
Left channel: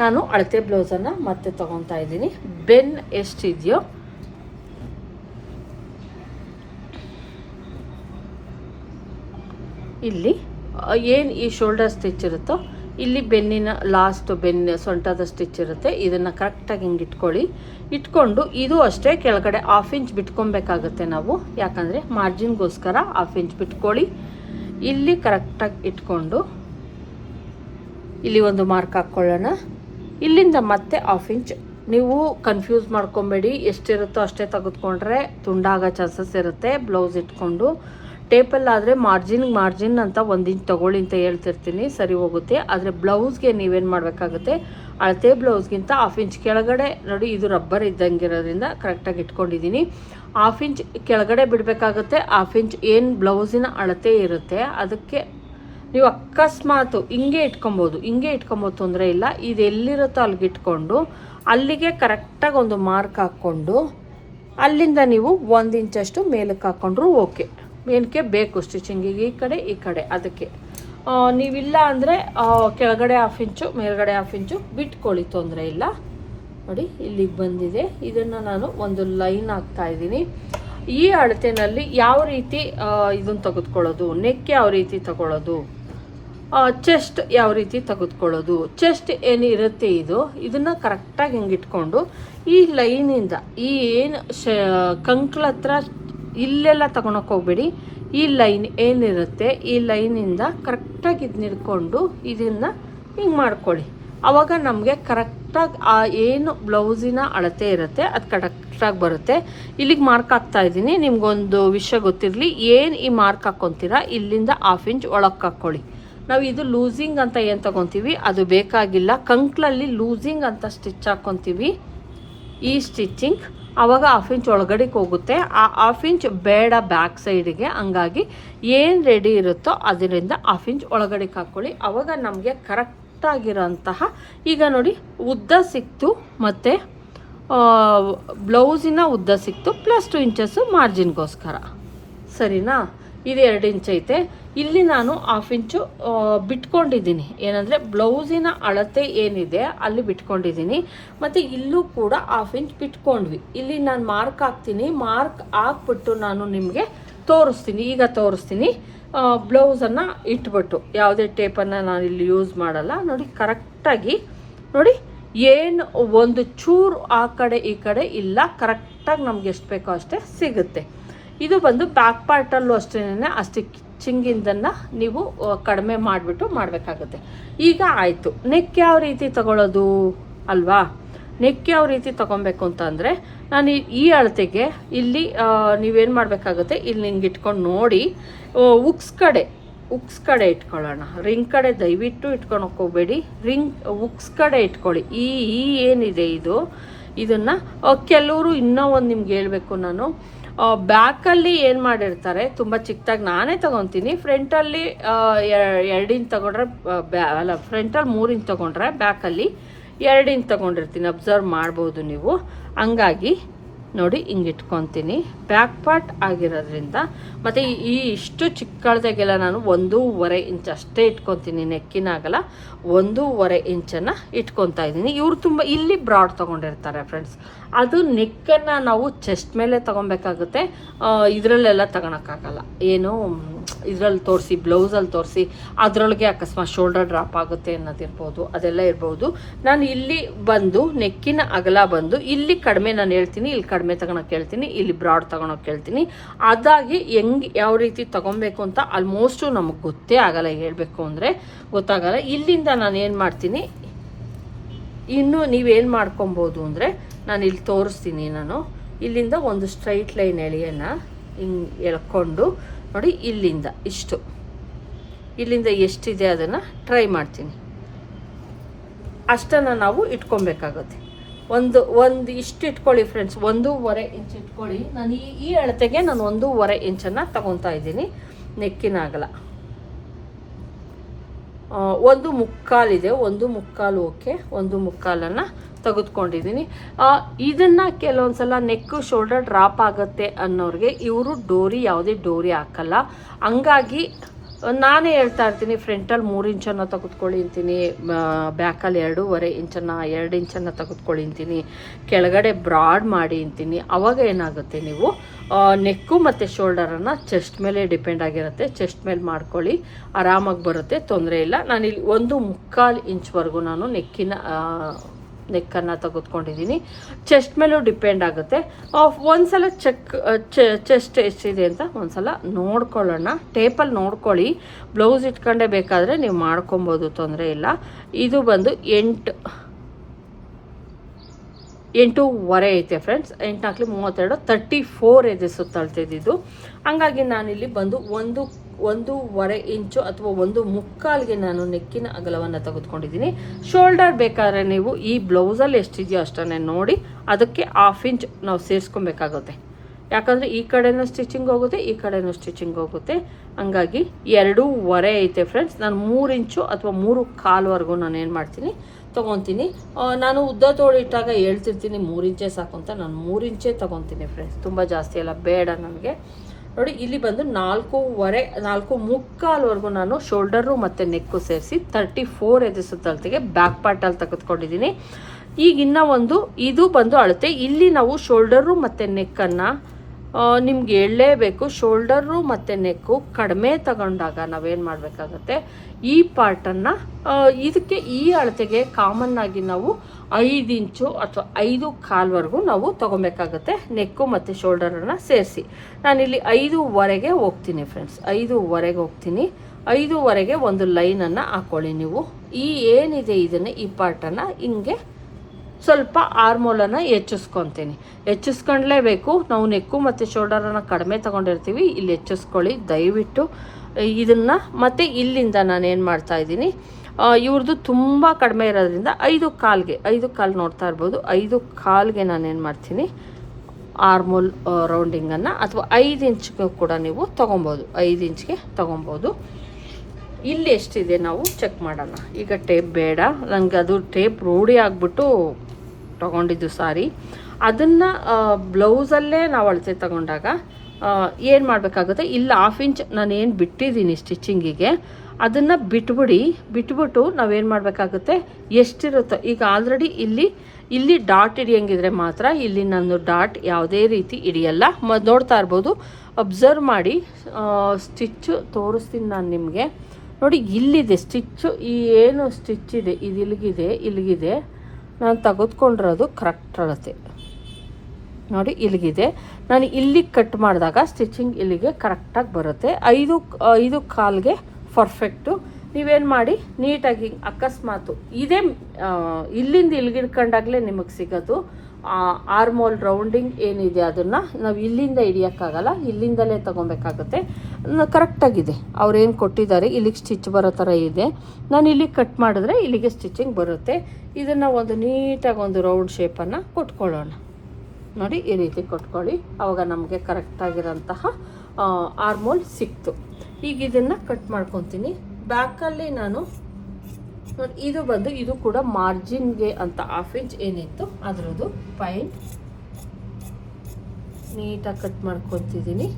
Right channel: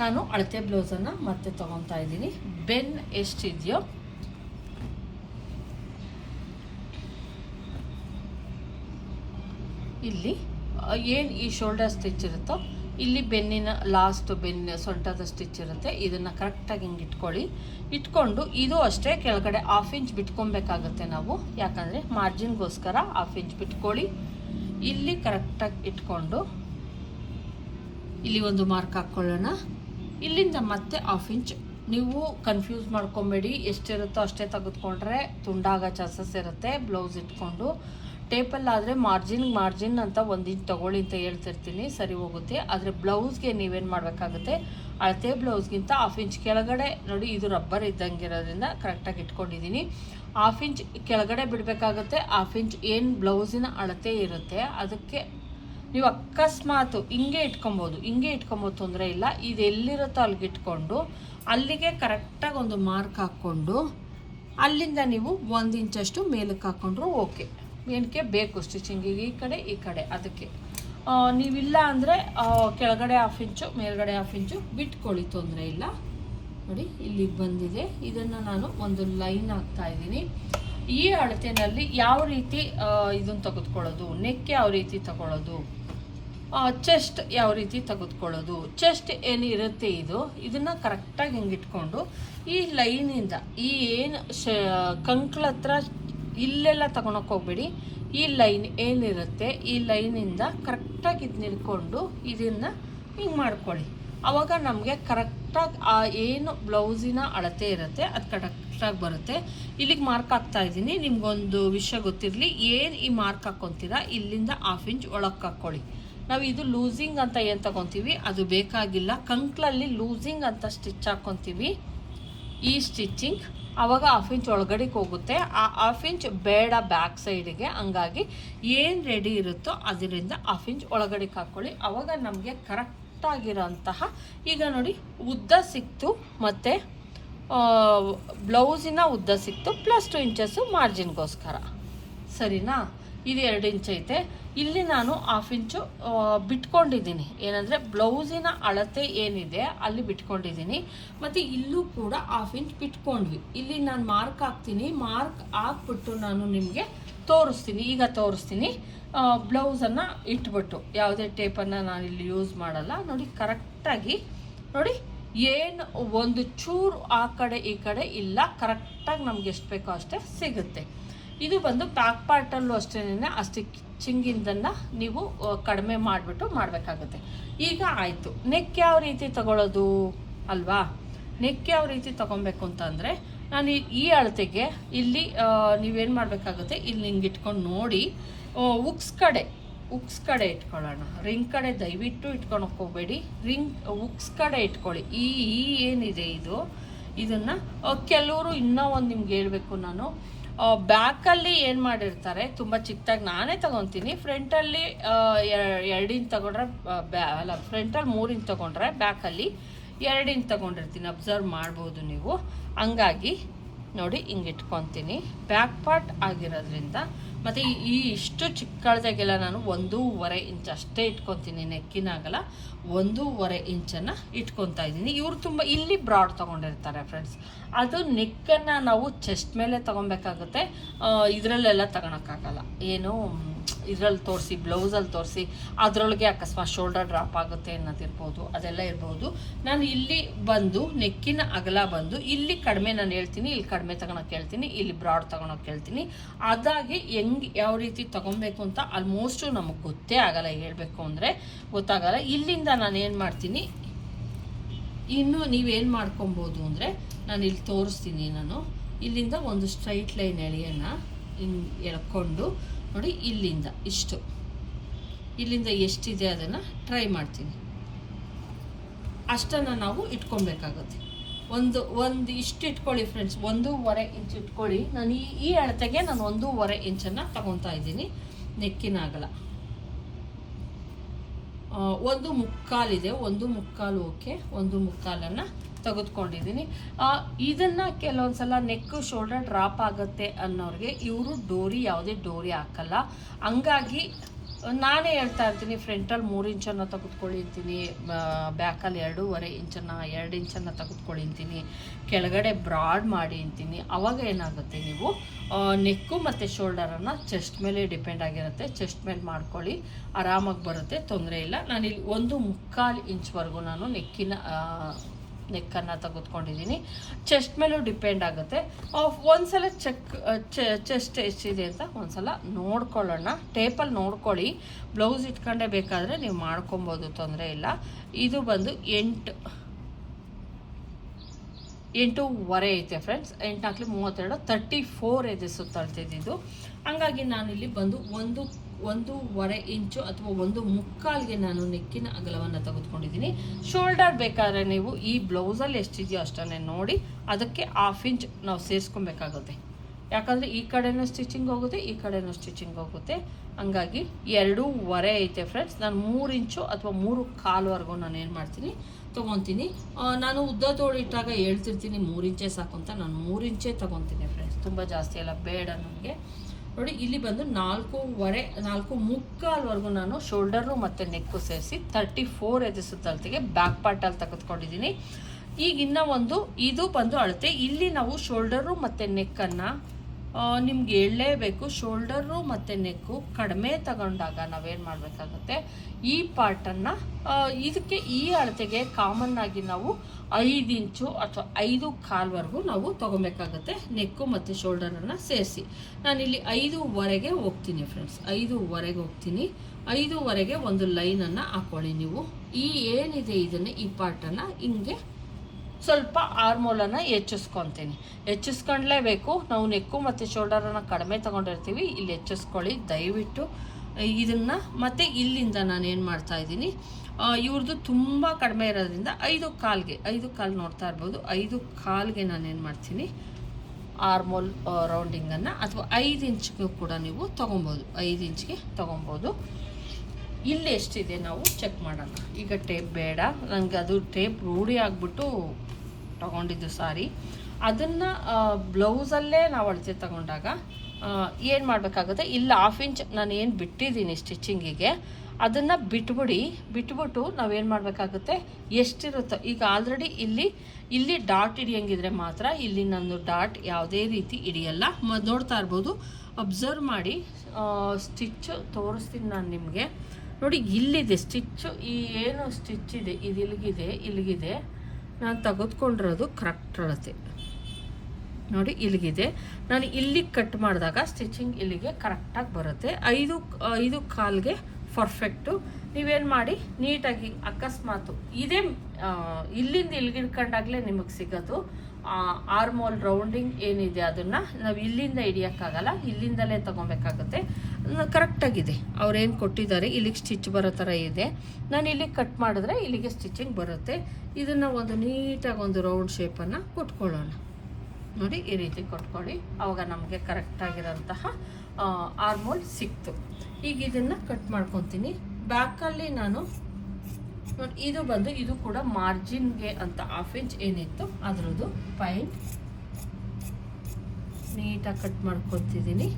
ನಾನು ಅಳತೆ ಬ್ಲೌಸನ್ನು ಮತ್ತೆ ತೊಗೊತಾ ಇದ್ದೀನಿ. ಬೆನ್ ಎಷ್ಟಿದೆಯೋ ಇಲ್ಲಿ ಏನು ಈ ಶೋಲ್ಡರ್ ಸ್ಟಿಚ್ ಇರುತ್ತೋ, ಇಲ್ಲಿ ಬೆನ್ನಿನ ಲಾಸ್ಟ್ ಬೆನ್ನ ಸೊಂಟದ ಸ್ಟಿಚ್ ಇರುತ್ತೆ. ಇದನ್ನು ಕರೆಕ್ಟಾಗಿ ಹಿಂಗೆ ಇಟ್ಕೊಳ್ಳಿ. ಇಟ್ಕೊಂಡು ಇದು ಅಷ್ಟೇ, ಕೆಳಗಡೆ ಹಾಫ್ ಇಂಚ್ ಬಿಟ್ಕೊಬೇಕಾಗುತ್ತೆ ನಾವು. ಯಾಕಂದರೆ ಮಾರ್ಜಿನ್ಗೋಸ್ಕರ ಹಾಫ್ ಇಂಚ್ ಬಿಟ್ಕೊಳ್ಳಿ. ಇಲ್ಲಿ ಕರೆಕ್ಟಾಗಿ ಇಟ್ಕೊಂಡು, ಇಲ್ಲಿ ಒಂದು ಮಾರ್ಕ್ ಹಾಕ್ಕೊಳ್ಳೋಣ. ಇಲ್ಲಿಂದ ಮತ್ತೆ ಹಾಫ್ ಇಂಚ್ ನೀವು ಕನ್ಫ್ಯೂಸ್ ಮಾಡ್ಕೊಬೇಡಿ. ಎಷ್ಟಿರುತ್ತೋ ಅಷ್ಟೇ ತೆಗೆದುಕೊಂಡ್ರೆ ತುಂಡಾಗೋ ಚಾನ್ಸಸ್ ಇರುತ್ತೆ. ಬ್ಲೌಸ್ ಇಟ್ಕೊಂಡು. ಟೇಪಲ್ಲಾದರೆ ಮಾರ್ಜಿನ್ ಮಾರ್ಜಿನ್ ಅಂತ ಒಂದು ಇಂಚ್ ತೊಗೊಳ್ಳಿ ಅಂತ ಹೇಳ್ತಿರ್ತೀನಿ. ಸರಿ ಹೋಗುತ್ತೆ. ಆದರೆ ಬ್ಲೌಸ್ಗೆ ನೀವೇನು ಮಾಡಬೇಕಾಗುತ್ತೆ? ಅಳತೆ ಬ್ಲೌಸ್ಗಿಂತ ಹಾಫ್ ಇಂಚ್ ಕೆಳಗಡೆ, ನೋಡಿ ಇದು ರಬ್ಬರ್ ಇದ್ದಂಗಿರೋದ್ರಿಂದ ಕರೆಕ್ಟಾಗಿ ಇಟ್ಕೊಂಡಿದ್ದೀನಿ. ಹಾಫ್ ಇಂಚ್ ಕೆಳಗಡೆ ಬಿಡಬೇಕಾಗುತ್ತೆ. ಹಾಫ್ ಇಂಚ್ ಏನು ಬ್ಲೌಸಿನ ಅಳತೆ ಇರುತ್ತೆ, ಅದಕ್ಕೆ ನೀವು ಅಕಸ್ಮಾತು ಹಿಂಗೆ ಇಟ್ಕೊಬೋದು. ಹಿಂಗೆ ಇಟ್ಕೊಬೋದು ತೊಂದರೆ ಇಲ್ಲ. ಇದು ಎಲ್ಲಿರುತ್ತೋ ಅಲ್ಲಿಗೆ ಇಟ್ಕೊಂಡು, ಅಲ್ಲಿಗೆ ಕರೆಕ್ಟಾಗಿ ಒಂದು ಮಾರ್ಕ್ ಹಾಕ್ಕೊಂಡು, ಅಲ್ಲಿಂದ ನೀವು ಒಂದು ಇಂಚಷ್ಟು ಮೇಲಕ್ಕೆ ಹಾಕ್ಕೊಂಡ್ರು ಓಕೆ ಏನಕ್ಕೆ ಬೇಕು ಸ್ಟಿಚಿಂಗಿಗೆ ಈ ಕಡೆ ಈ ಕಡೆ. ಅದಕ್ಕೆ. ನೀವಿಲ್ಲ ಅಂದರೆ ಕೆಳಗಡೆ ಹಾಫ್ ಇಂಚು ಮೇಲ್ಗಡೆ ಹಾಫ್ ಇಂಚು ಬಿಟ್ಕೊಳ್ಳಿ, ತೊಂದರೆ ಇಲ್ಲ. ನೋಡಿ, ಇಲ್ಲಿಗೆ ಬಂದಿದೆ. ಇದನ್ನು ನಾನು ಒಂದು ಲೈನ್ ಹಾಕ್ತಾ ಇದ್ದೀನಿ. ಈ ಅಳತೆನಲ್ಲಿ ಯಾವ ರೀತಿ ಇದನ್ನು ತೆಗೆದುಕೊಳ್ಳೋದು? ನೆಕ್ ಯಾವ ರೀತಿ ತಗೊಳ್ಳೋದು ಚೆಸ್ಟ್ ಯಾವ ರೀತಿ ತೆಗೆದುಕೊಳ್ಳೋದು? ಚೆಸ್ಟ್ ಏನಿರುತ್ತೆ ಇದು? ಇದನ್ನ ಕರೆಕ್ಟಾಗಿ ಹಿಂಗೆ ಇಟ್ಕೊಂಡು ಈ ಲೈನಿಂದ ಈ ಏನು ಕಂಕ್ಳ ಹತ್ರ ಇಲ್ಲೆಲ್ಲ ತಗೊಳಕ್ ಹೋಗ್ಬೇಡಿ. ಈ ಲೈನ್ ಏನಿರುತ್ತೆ, ಈ ಲೈನಿಂದ ಕರೆಕ್ಟಾಗಿ ಇದು ನಿಲ್ಕೊಂಡು ಇದನ್ನ ಹಿಂಗೆ ಮಾಡ್ಕೊಳ್ಳಿ. ಅವಾಗ ನಮಗೆ ಕರೆಕ್ಟಾಗಿ ಆ ಏನು ಬ್ಲೌಸಿನ ಅಳತೆ ಇರುತ್ತೆ, ಅದು ಕರೆಕ್ಟಾಗಿ ಬರುತ್ತೆ. ಇಲ್ಲಿಗೆ ಮಾರ್ಕ್ ಹಾಕ್ತಾ ಇದ್ದೀನಿ, ನಿಮ್ಗೊಂದು ವಿಷಯ ಗೊತ್ತಿರಲಿ. ಏನು ಈ ಮಾರ್ಕ್ ಹಾಕ್ಕೊತೀರಾ ಇಲ್ಲಿಂದ ಹಾಫ್ ಇಂಚ್ ಒಳಕ್ಕೆ ಹಾಕ್ಕೊಳ್ಳಿ ನಾವು ಇದು ಲೂಸಿಂಗ್ ಅಂತ ಏನು ತಗೊತೀವಿ? ಅದು ಬೇಕಾಗಿಲ್ಲ. ಕಂಕ್ಲಲ್ಲಿ ಲೂಸಿಂಗ್ ಅಂತ ಸ್ಟಿಚ್ ಹಾಕ್ಕೊತೀವಿ ಈ ಸ್ಟಿಚಿಂಗ್ ಆವಾಗ ಹಾಫ್ ಇಂಚ್ ಒಳಗಡೆಗೆ ಹೋಗುತ್ತೆ. ಆ ಹಾಫ್ ಇಂಚ್ ಬೇಡ ಬ್ಯಾಕ್ ಸೈಡಿಗೆ ಹಂಗಾಗಿ ಏನು ರೆಡಿ ಇರುತ್ತೋ ಅದರಿಂದ ಹಾಫ್ ಇಂಚ್ ಒಳಗಡೆಗೆ ಹಾಕ್ಕೊಳ್ಳಿ ಅವಾಗ ನಮಗೆ ಕರೆಕ್ಟಾಗಿರೋಂತಹ ಈಗ ನೋಡಿ, ಉದ್ದ ಸಿಕ್ತು ಮತ್ತು ಬ್ಲೌಸಿನ ಉದ್ದ ಸಿಕ್ತು ಪ್ಲಸ್ ಟು ಇಂಚಸ್ಸು ಮಾರ್ಜಿನ್ಗೋಸ್ಕರ ಸರಿನಾ? ಇದು ಎರಡು ಇಂಚ್ ಐತೆ. ಇಲ್ಲಿ ನಾನು ಹಾಫ್ ಇಂಚು ಬಿಟ್ಕೊಂಡಿದ್ದೀನಿ. ಏನಂದರೆ ಬ್ಲೌಸಿನ ಅಳತೆ ಏನಿದೆ ಅಲ್ಲಿ ಬಿಟ್ಕೊಂಡಿದ್ದೀನಿ. ಮತ್ತು ಇಲ್ಲೂ ಕೂಡ ಹಾಫ್ ಇಂಚ್ ಬಿಟ್ಕೊಂಡ್ವಿ. ಇಲ್ಲಿ ನಾನು ಮಾರ್ಕ್ ಹಾಕ್ತೀನಿ. ಮಾರ್ಕ್ ಹಾಕ್ಬಿಟ್ಟು ನಾನು ನಿಮಗೆ ತೋರಿಸ್ತೀನಿ. ಈಗ ತೋರಿಸ್ತೀನಿ. ಬ್ಲೌಸನ್ನು ಇಟ್ಬಿಟ್ಟು. ಯಾವುದೇ ಟೇಪನ್ನು ನಾನು ಇಲ್ಲಿ ಯೂಸ್ ಮಾಡಲ್ಲ. ನೋಡಿ ಕರೆಕ್ಟಾಗಿ ನೋಡಿ, ಏನು ಒಂದು ಚೂರು ಆ ಕಡೆ ಈ ಕಡೆ ಇಲ್ಲ. ಕರೆಕ್ಟಾಗಿ ನಮ್ಗೆ ಎಷ್ಟು ಬೇಕೋ ಅಷ್ಟೇ ಸಿಗುತ್ತೆ. ಇದು ಬಂದು ಬ್ಯಾಕ್ ಪಾರ್ಟಲ್ಲೂ ಅಷ್ಟೇನೆ ಅಷ್ಟೇ ಚಿಂಗಿಂದನ್ನು ನೀವು ಕಡಿಮೆ ಮಾಡಿಬಿಟ್ಟು ಮಾಡಬೇಕಾಗುತ್ತೆ. ಈಗ ಆಯಿತು. ನೆಕ್ ಯಾವ ರೀತಿ ತಗೊಳ್ಳೋದು ಅಲ್ವಾ? ನೆಕ್ ಯಾವ ರೀತಿ ತಗೊಬೇಕು ಅಂತಂದರೆ ನಾನು ಈ- ಅಳತೆಗೆ ಇಲ್ಲಿ ನೀವೇನು ಮಾಡಬೇಕಾಗುತ್ತೆ, ಇಲ್ಲಿ ನಿಂಗೆ ಇಟ್ಕೊಂಡು ನೋಡಿ ಉಕ್ಸ್ ಕಡೆ ಉಕ್ಸ್ ಕಡೆ ಇಟ್ಕೊಳ್ಳೋಣ. ರಿಂಗ್ ಕಡೆ ದಯವಿಟ್ಟು ಇಟ್ಕೊಂಡು ಹೋಗ್ಬೇಡಿ ರಿಂಗ್, ಉಕ್ಸ್ ಕಡೆ ಇಟ್ಕೊಳ್ಳಿ. ಈ ಈ ಏನಿದೆ ಇದು? ಇದನ್ನು ಕೆಲವರು ಇನ್ನೂ ಒಂದು ನಿಮ್ಗೆ ಹೇಳಬೇಕು ನಾನು. ಬ್ಯಾಕಲ್ಲಿ ಏನು ಮಾಡಿರ್ತಾರೆ, ತುಂಬ ಚಿಕ್ಕದಾಗಿ ನಾನೇ ತಗೊತೀನಿ. ಫ್ರಂಟಲ್ಲಿ ಎರಡು ಇಂಚ್ ತಗೊಂಡ್ರೆ ಅಲ್ಲ ಫ್ರಂಟಲ್ಲಿ ಮೂರು ತಗೊಂಡ್ರೆ ಬ್ಯಾಕಲ್ಲಿ ಎರಡು ತಗೊಂಡಿರ್ತೀನಿ. ಅಬ್ಸರ್ವ್ ಮಾಡ್ಬೋದು ನೀವು. ಹಂಗಾಗಿ ನೋಡಿ ಹಿಂಗೆ ಇಟ್ಕೊತೀನಿ ಬ್ಯಾಕ್ ಪಾರ್ಟ್ ಆಗಿರೋದ್ರಿಂದ, ಮತ್ತು ಈ- ಇಷ್ಟು ಚಿಕ್ಕಳದಾಗೆಲ್ಲ ನಾನು ಒಂದೂವರೆ ಇಂಚ್ ಅಷ್ಟೇ ಇಟ್ಕೊತೀನಿ, ನೆಕ್ಕಿನಾಗಲ್ಲ. ಒಂದೂವರೆ ಇಂಚನ್ನು ಇಟ್ಕೊತಾ ಇದ್ದೀನಿ. ಇವರು ತುಂಬ ಇಲ್ಲಿ ಬ್ರಾಡ್ ತೊಗೊಂಡಿರ್ತಾರೆ ಫ್ರೆಂಡ್ಸ್ ಅದು ನೆಕ್ಕನ್ನು ನಾವು ಚೆಸ್ಟ್ ಮೇಲೆ ತಗೊಬೇಕಾಗುತ್ತೆ. ಇದರಲ್ಲೆಲ್ಲ ತಗೊಳಕ್ಕಾಗಲ್ಲ. ಏನು, ಇದರಲ್ಲಿ ತೋರಿಸಿ, ಬ್ಲೌಸಲ್ಲಿ ತೋರಿಸಿ, ಅದರೊಳಗೆ ಅಕಸ್ಮಾತ್ ಶೋಲ್ಡರ್ ಡ್ರಾಪ್ ಆಗುತ್ತೆ ಅನ್ನೋದಿರ್ಬೋದು ಅದೆಲ್ಲ ಇರ್ಬೋದು. ನಾನು ಇಲ್ಲಿ ಬಂದು, ನೆಕ್ಕಿನ ಅಗಲ ಬಂದು, ಇಲ್ಲಿ ಕಡಿಮೆ ನಾನು ಹೇಳ್ತೀನಿ, ಇಲ್ಲಿ ಕಡಿಮೆ ತಗೊಳಕ್ಕೆ ಹೇಳ್ತೀನಿ ಇಲ್ಲಿ ಬ್ರಾಡ್ ತಗೊಳಕ್ಕೆ ಹೇಳ್ತೀನಿ ಅದಾಗಿ ಹೆಂಗೆ, ಯಾವ ರೀತಿ ತಗೊಬೇಕು ಅಂತ ಆಲ್ಮೋಸ್ಟು ನಮಗೆ ಗೊತ್ತೇ ಆಗಲ್ಲ ಹೇಳಬೇಕು ಅಂದರೆ. ಗೊತ್ತಾಗಲ್ಲ. ಇಲ್ಲಿಂದ ನಾನು ಏನು ಮಾಡ್ತೀನಿ, ಇನ್ನು ನೀವೇನು ಮಾಡ್ಕೊಬೋದು ಅಂದರೆ ನಾನು ಇಲ್ಲಿ ತೋರಿಸ್ತೀನಿ ನಾನು. ಇಲ್ಲಿಂದ ಒಂದು ಸ್ಟ್ರೈಟ್ ಲೈನ್ ಎಳೆಯನ್ನು ಹಿಂಗೆ ಎಳ್ಕೊಂಡು ನೋಡಿ ಇಲ್ಲಿಂದ ಇಷ್ಟು. ಇಲ್ಲಿಂದ ಎಷ್ಟಿದೆ ಅದನ್ನು ಟ್ರೈ ಮಾಡ್ತೀನಿ. ಅಷ್ಟನ್ನು ನಾವು ಇಟ್ಕೊಬೇಕಾಗುತ್ತೆ. ಒಂದು ಒಂದು ಇಷ್ಟು ಇಟ್ಕೊಳ್ಳಿ ಫ್ರೆಂಡ್ಸ್ ಒಂದೂವರೆ ಇಂಚ್ ಇಟ್ಕೊಳ್ಳಿ. ನಾನು ಈ ಈ ಅಳತೆಗೆ ನಾನು ಒಂದೂವರೆ ಇಂಚನ್ನು ತಗೊತಾ ಇದ್ದೀನಿ. ನೆಕ್ಕಿನ ಅಗಲ ಆ, ಒಂದು ಮುಕ್ಕಾಲಿದೆ ಒಂದು ಮುಕ್ಕಾಲು ಓಕೆ ಒಂದು ಮುಕ್ಕಾಲನ್ನು ತೆಗೆದುಕೊಂಡಿದ್ದೀನಿ. ಇದನ್ನು ಕೆಲವೊಂದ್ಸಲ ನೆಕ್ಕು ಶೋಲ್ಡರ್ ಡ್ರಾಪ್ ಆಗುತ್ತೆ ಅನ್ನೋರಿಗೆ ಇವರು ಡೋರಿ ಯಾವುದೇ ಡೋರಿ ಹಾಕಲ್ಲ. ಹಂಗಾಗಿ, ನಾನೇ ಹೇಳ್ತಾ ಇರ್ತೀನಿ ಫ್ರಂಟಲ್ಲಿ ಮೂರು ಇಂಚನ್ನು ತೆಗೆದುಕೊಳ್ಳಿ ಅಂತೀನಿ ಬ್ಯಾಕಲ್ಲಿ ಎರಡೂವರೆ ಇಂಚನ್ನು ಎರಡು ಇಂಚನ್ನು ತೆಗೆದುಕೊಳ್ಳಿ ಅಂತೀನಿ, ಕೆಳಗಡೆ ಬ್ರಾಡ್ ಮಾಡಿ ಅಂತೀನಿ. ಅವಾಗ ಏನಾಗುತ್ತೆ ನೀವು ನೆಕ್ಕು ಮತ್ತು ಶೋಲ್ಡರನ್ನು ಚೆಸ್ಟ್ ಮೇಲೆ ಡಿಪೆಂಡ್ ಆಗಿರುತ್ತೆ. ಚೆಸ್ಟ್ ಮೇಲೆ ಮಾಡ್ಕೊಳ್ಳಿ, ಆರಾಮಾಗಿ ಬರುತ್ತೆ, ತೊಂದರೆ ಇಲ್ಲ. ನಾನಿಲ್ಲಿ ಒಂದು ಮುಕ್ಕಾಲು ಇಂಚ್ವರೆಗೂ ನಾನು ನೆಕ್ಕಿನ ನೆಕ್ಕನ್ನು ತೆಗೆದುಕೊಂಡಿದ್ದೀನಿ ಚೆಸ್ಟ್ ಮೇಲೂ ಡಿಪೆಂಡ್ ಆಗುತ್ತೆ. ಒಂದ್ಸಲ ಚೆಕ್ ಚೆಸ್ಟ್ ಎಷ್ಟಿದೆ ಅಂತ ಒಂದ್ಸಲ ನೋಡ್ಕೊಳ್ಳೋಣ. ಟೇಪಲ್ಲಿ ನೋಡ್ಕೊಳ್ಳಿ. ಬ್ಲೌಸ್ ಇಟ್ಕೊಂಡೇ ಬೇಕಾದರೆ ನೀವು ಮಾಡ್ಕೊಬೋದು, ತೊಂದರೆ ಇಲ್ಲ. ಇದು ಬಂದು ಎಂಟು, ಎಂಟೂವರೆ ಐತೆ ಫ್ರೆಂಡ್ಸ್ ಎಂಟು ನಾಲ್ಕು ಮೂವತ್ತೆರಡು ತರ್ಟಿ ಫೋರ್ ಇದೆ ಸುತ್ತಳ್ತಿದ್ದು ಹಂಗಾಗಿ ನಾನಿಲ್ಲಿ ಬಂದು ಒಂದು ಒಂದೂವರೆ ಇಂಚು ಅಥವಾ ಒಂದು ಮುಕ್ಕಾಲ್ಗೆ ನಾನು ನೆಕ್ಕಿನ ಅಗಲವನ್ನು ತೆಗೆದುಕೊಂಡಿದ್ದೀನಿ. ಶೋಲ್ಡರ್ ಬೇಕಾದರೆ ನೀವು ಈ ಬ್ಲೌಸಲ್ಲಿ ಎಷ್ಟಿದೆಯೋ ಅಷ್ಟನ್ನೇ ನೋಡಿ ಅದಕ್ಕೆ ಹಾಫ್ ಇಂಚ್ ನಾವು ಸೇರಿಸ್ಕೊಬೇಕಾಗುತ್ತೆ. ಯಾಕಂದರೆ ಈ ಕಡೆನೂ ಸ್ಟಿಚಿಂಗ್ ಹೋಗುತ್ತೆ, ಈ ಕಡೆನೂ ಸ್ಟಿಚಿಂಗ್ ಹೋಗುತ್ತೆ. ಹಂಗಾಗಿ ಎರಡೂವರೆ ಐತೆ ಫ್ರೆಂಡ್ಸ್ ನಾನು ಮೂರು ಇಂಚು ಅಥವಾ ಮೂರು ಕಾಲ್ವರೆಗೂ ನಾನು ಏನು ಮಾಡ್ತೀನಿ, ತೊಗೊತೀನಿ. ನಾನು ಉದ್ದ ತೋಳಿಟ್ಟಾಗ ಹೇಳ್ತಿರ್ತೀನಿ ಮೂರು ಇಂಚೇ ಸಾಕು ಅಂತ. ನಾನು ಮೂರು ಇಂಚೇ ತೊಗೊತೀನಿ ಫ್ರೆಂಡ್ಸ್ ತುಂಬ ಜಾಸ್ತಿ ಎಲ್ಲ ಬೇಡ ನನಗೆ. ನೋಡಿ, ಇಲ್ಲಿ ಬಂದು ನಾಲ್ಕೂವರೆ, ನಾಲ್ಕು ಮುಕ್ಕಾಲ್ವರೆಗೂ ನಾನು ಶೋಲ್ಡರು ಮತ್ತು ನೆಕ್ಕು ಸೇರಿಸಿ ತರ್ಟಿ ಫೋರ್ ಎದಿಸುತ್ತಲ್ತಿಗೆ ಬ್ಯಾಕ್ ಪಾರ್ಟಲ್ಲಿ ತೆಗೆದುಕೊಂಡಿದ್ದೀನಿ. ಈಗ ಇನ್ನೂ ಒಂದು, ಇದು ಬಂದು ಅಳತೆ. ಇಲ್ಲಿ ನಾವು ಶೋಲ್ಡರು ಮತ್ತು ನೆಕ್ಕನ್ನು ನಿಮ್ಗೆ ಹೇಳಲೇಬೇಕು. ಶೋಲ್ಡರು ಮತ್ತು ನೆಕ್ಕು ಕಡಿಮೆ ತಗೊಂಡಾಗ ನಾವೇನು ಮಾಡಬೇಕಾಗತ್ತೆ? ಈ ಪಾರ್ಟನ್ನು ಇದಕ್ಕೆ ಈ ಅಳತೆಗೆ ಕಾಮನ್ ಆಗಿ ನಾವು ಐದು ಇಂಚು ಅಥವಾ ಐದು ಕಾಲ್ವರೆಗೂ ನಾವು ತೊಗೊಬೇಕಾಗತ್ತೆ ನೆಕ್ಕು ಮತ್ತು ಶೋಲ್ಡರನ್ನು ಸೇರಿಸಿ. ನಾನಿಲ್ಲಿ ಐದೂವರೆಗೆ ಹೋಗ್ತೀನಿ ಫ್ರೆಂಡ್ಸ್ ಐದೂವರೆಗೆ ಹೋಗ್ತೀನಿ. ಐದೂವರೆಗೆ ಒಂದು ಲೈನನ್ನು ಹಾಕ್ಕೊಳ್ಳಿ ನೀವು. ಈ ಏನಿದೆ ಇದನ್ನು ಈ ಪಾರ್ಟನ್ನು ಹಿಂಗೆ ಸ್ವಲ್ಪ ಆರ್ಮೋಲನ್ನು ಹೆಚ್ಚಿಸ್ಕೊತೀನಿ. ಹೆಚ್ಚಿಸ್ಕೊಂಡ್ಲೇಬೇಕು. ನಾವು ನೆಕ್ಕು ಮತ್ತು ಶೋಲ್ಡರನ್ನು ಕಡಿಮೆ ತೊಗೊಂಡಿರ್ತೀವಿ. ಇಲ್ಲಿ ಹೆಚ್ಚಿಸ್ಕೊಳ್ಳಿ ದಯವಿಟ್ಟು. ಇದನ್ನು ಮತ್ತು ಇಲ್ಲಿಂದ ನಾನು ಏನು ಮಾಡ್ತಾ ಇದ್ದೀನಿ? ಇವ್ರದ್ದು ತುಂಬ ಕಡಿಮೆ ಇರೋದ್ರಿಂದ ಐದು ಕಾಲ್ಗೆ, ಐದು ಕಾಲು ನೋಡ್ತಾ ಇರ್ಬೋದು. ಐದು ಕಾಲ್ಗೆ ನಾನು ಏನು ಮಾಡ್ತೀನಿ? ಆರ್ಮೋಲ್ ರೌಂಡಿಂಗನ್ನು ಅಥವಾ ಐದು ಇಂಚ್ಗೆ ಕೂಡ ನೀವು ತೊಗೊಬೋದು. ಐದು ಇಂಚ್ಗೆ ತೊಗೊಬೋದು. ಇಲ್ಲಿ ಎಷ್ಟಿದೆ ನಾವು ಚೆಕ್ ಮಾಡೋಣ. ಈಗ ಟೇಪ್ ಬೇಡ. ನನಗೆ ಅದು ಟೇಪ್ ರೂಢಿ ಆಗಿಬಿಟ್ಟು ತೊಗೊಂಡಿದ್ದು ಸಾರಿ. ಅದನ್ನು ಬ್ಲೌಸಲ್ಲೇ ನಾವು ಅಳತೆ ತಗೊಂಡಾಗ ಏನು ಮಾಡಬೇಕಾಗುತ್ತೆ? ಇಲ್ಲಿ ಹಾಫ್ ಇಂಚ್ ನಾನು ಏನು ಬಿಟ್ಟಿದ್ದೀನಿ ಸ್ಟಿಚಿಂಗಿಗೆ ಅದನ್ನು ಬಿಟ್ಬಿಡಿ, ಬಿಟ್ಬಿಟ್ಟು ನಾವೇನು ಮಾಡಬೇಕಾಗುತ್ತೆ? ಎಷ್ಟಿರುತ್ತೋ? ಈಗ ಆಲ್ರೆಡಿ ಇಲ್ಲಿ ಇಲ್ಲಿ ಡಾಟ್ ಹಿಡಿಯಂಗಿದ್ರೆ ಮಾತ್ರ ಇಲ್ಲಿ ನಾನು ಡಾಟ್ ಯಾವುದೇ ರೀತಿ ಹಿಡಿಯಲ್ಲ. ಮ, ನೋಡ್ತಾ ಇರ್ಬೋದು. ಅಬ್ಸರ್ವ್ ಮಾಡಿ ಸ್ಟಿಚ್ಚು ತೋರಿಸ್ತೀನಿ ನಾನು ನಿಮಗೆ. ನೋಡಿ, ಇಲ್ಲಿದೆ ಸ್ಟಿಚ್ಚು ಈ ಏನು ಸ್ಟಿಚ್ ಇದೆ, ಇದು ಇಲ್ಲಿಗಿದೆ ಇಲ್ಲಿಗಿದೆ. ನಾನು ತೆಗೆದುಕೊಂಡಿರೋದು ಕರೆಕ್ಟ್ ಅಳತೆ. ನೋಡಿ, ಇಲ್ಲಿಗಿದೆ. ನಾನು ಇಲ್ಲಿಗೆ ಕಟ್ ಮಾಡಿದಾಗ ಸ್ಟಿಚಿಂಗ್ ಇಲ್ಲಿಗೆ ಕರೆಕ್ಟಾಗಿ ಬರುತ್ತೆ. ಐದು ಐದು ಕಾಲ್ಗೆ ಪರ್ಫೆಕ್ಟು ನೀವೇನು ಮಾಡಿ? ನೀಟಾಗಿ ಅಕಸ್ಮಾತು ಇದೇ ಇಲ್ಲಿಂದ ಇಲ್ಗಿಡ್ಕೊಂಡಾಗಲೇ ನಿಮಗೆ ಸಿಗೋದು. ಆರ್ಮೋಲ್ ರೌಂಡಿಂಗ್ ಏನಿದೆ ಅದನ್ನು ನಾವು ಇಲ್ಲಿಂದ ಹಿಡಿಯೋಕ್ಕಾಗಲ್ಲ, ಇಲ್ಲಿಂದಲೇ ತೊಗೊಬೇಕಾಗುತ್ತೆ. ಕರೆಕ್ಟಾಗಿದೆ. ಅವ್ರೇನು ಕೊಟ್ಟಿದ್ದಾರೆ, ಇಲ್ಲಿಗೆ ಸ್ಟಿಚ್ ಬರೋ ಥರ ಇದೆ. ನಾನು ಇಲ್ಲಿಗೆ ಕಟ್ ಮಾಡಿದ್ರೆ ಇಲ್ಲಿಗೆ ಸ್ಟಿಚಿಂಗ್ ಬರುತ್ತೆ. ಇದನ್ನು ಒಂದು ನೀಟಾಗಿ ಒಂದು ರೌಂಡ್ ಶೇಪನ್ನು ಕೊಟ್ಕೊಳ್ಳೋಣ. ನೋಡಿ, ಈ ರೀತಿ ಕೊಟ್ಕೊಳ್ಳಿ. ಅವಾಗ ನಮಗೆ ಕರೆಕ್ಟಾಗಿರೋಂತಹ ಆರ್ಮೋಲ್ ಸಿಕ್ತು. ಈಗ ಇದನ್ನು ಕಟ್ ಮಾಡ್ಕೊತೀನಿ. ಬ್ಯಾಕಲ್ಲಿ ನಾನು ಇದು ಬಂದು ಇದು ಕೂಡ ಮಾರ್ಜಿನ್ಗೆ ಅಂತ ಹಾಫ್ ಇಂಚ್ ಏನಿತ್ತು, ಅದರದ್ದು ಫೈನ್ ನೀಟಾಗಿ ಕಟ್ ಮಾಡ್ಕೊತಿದ್ದೀನಿ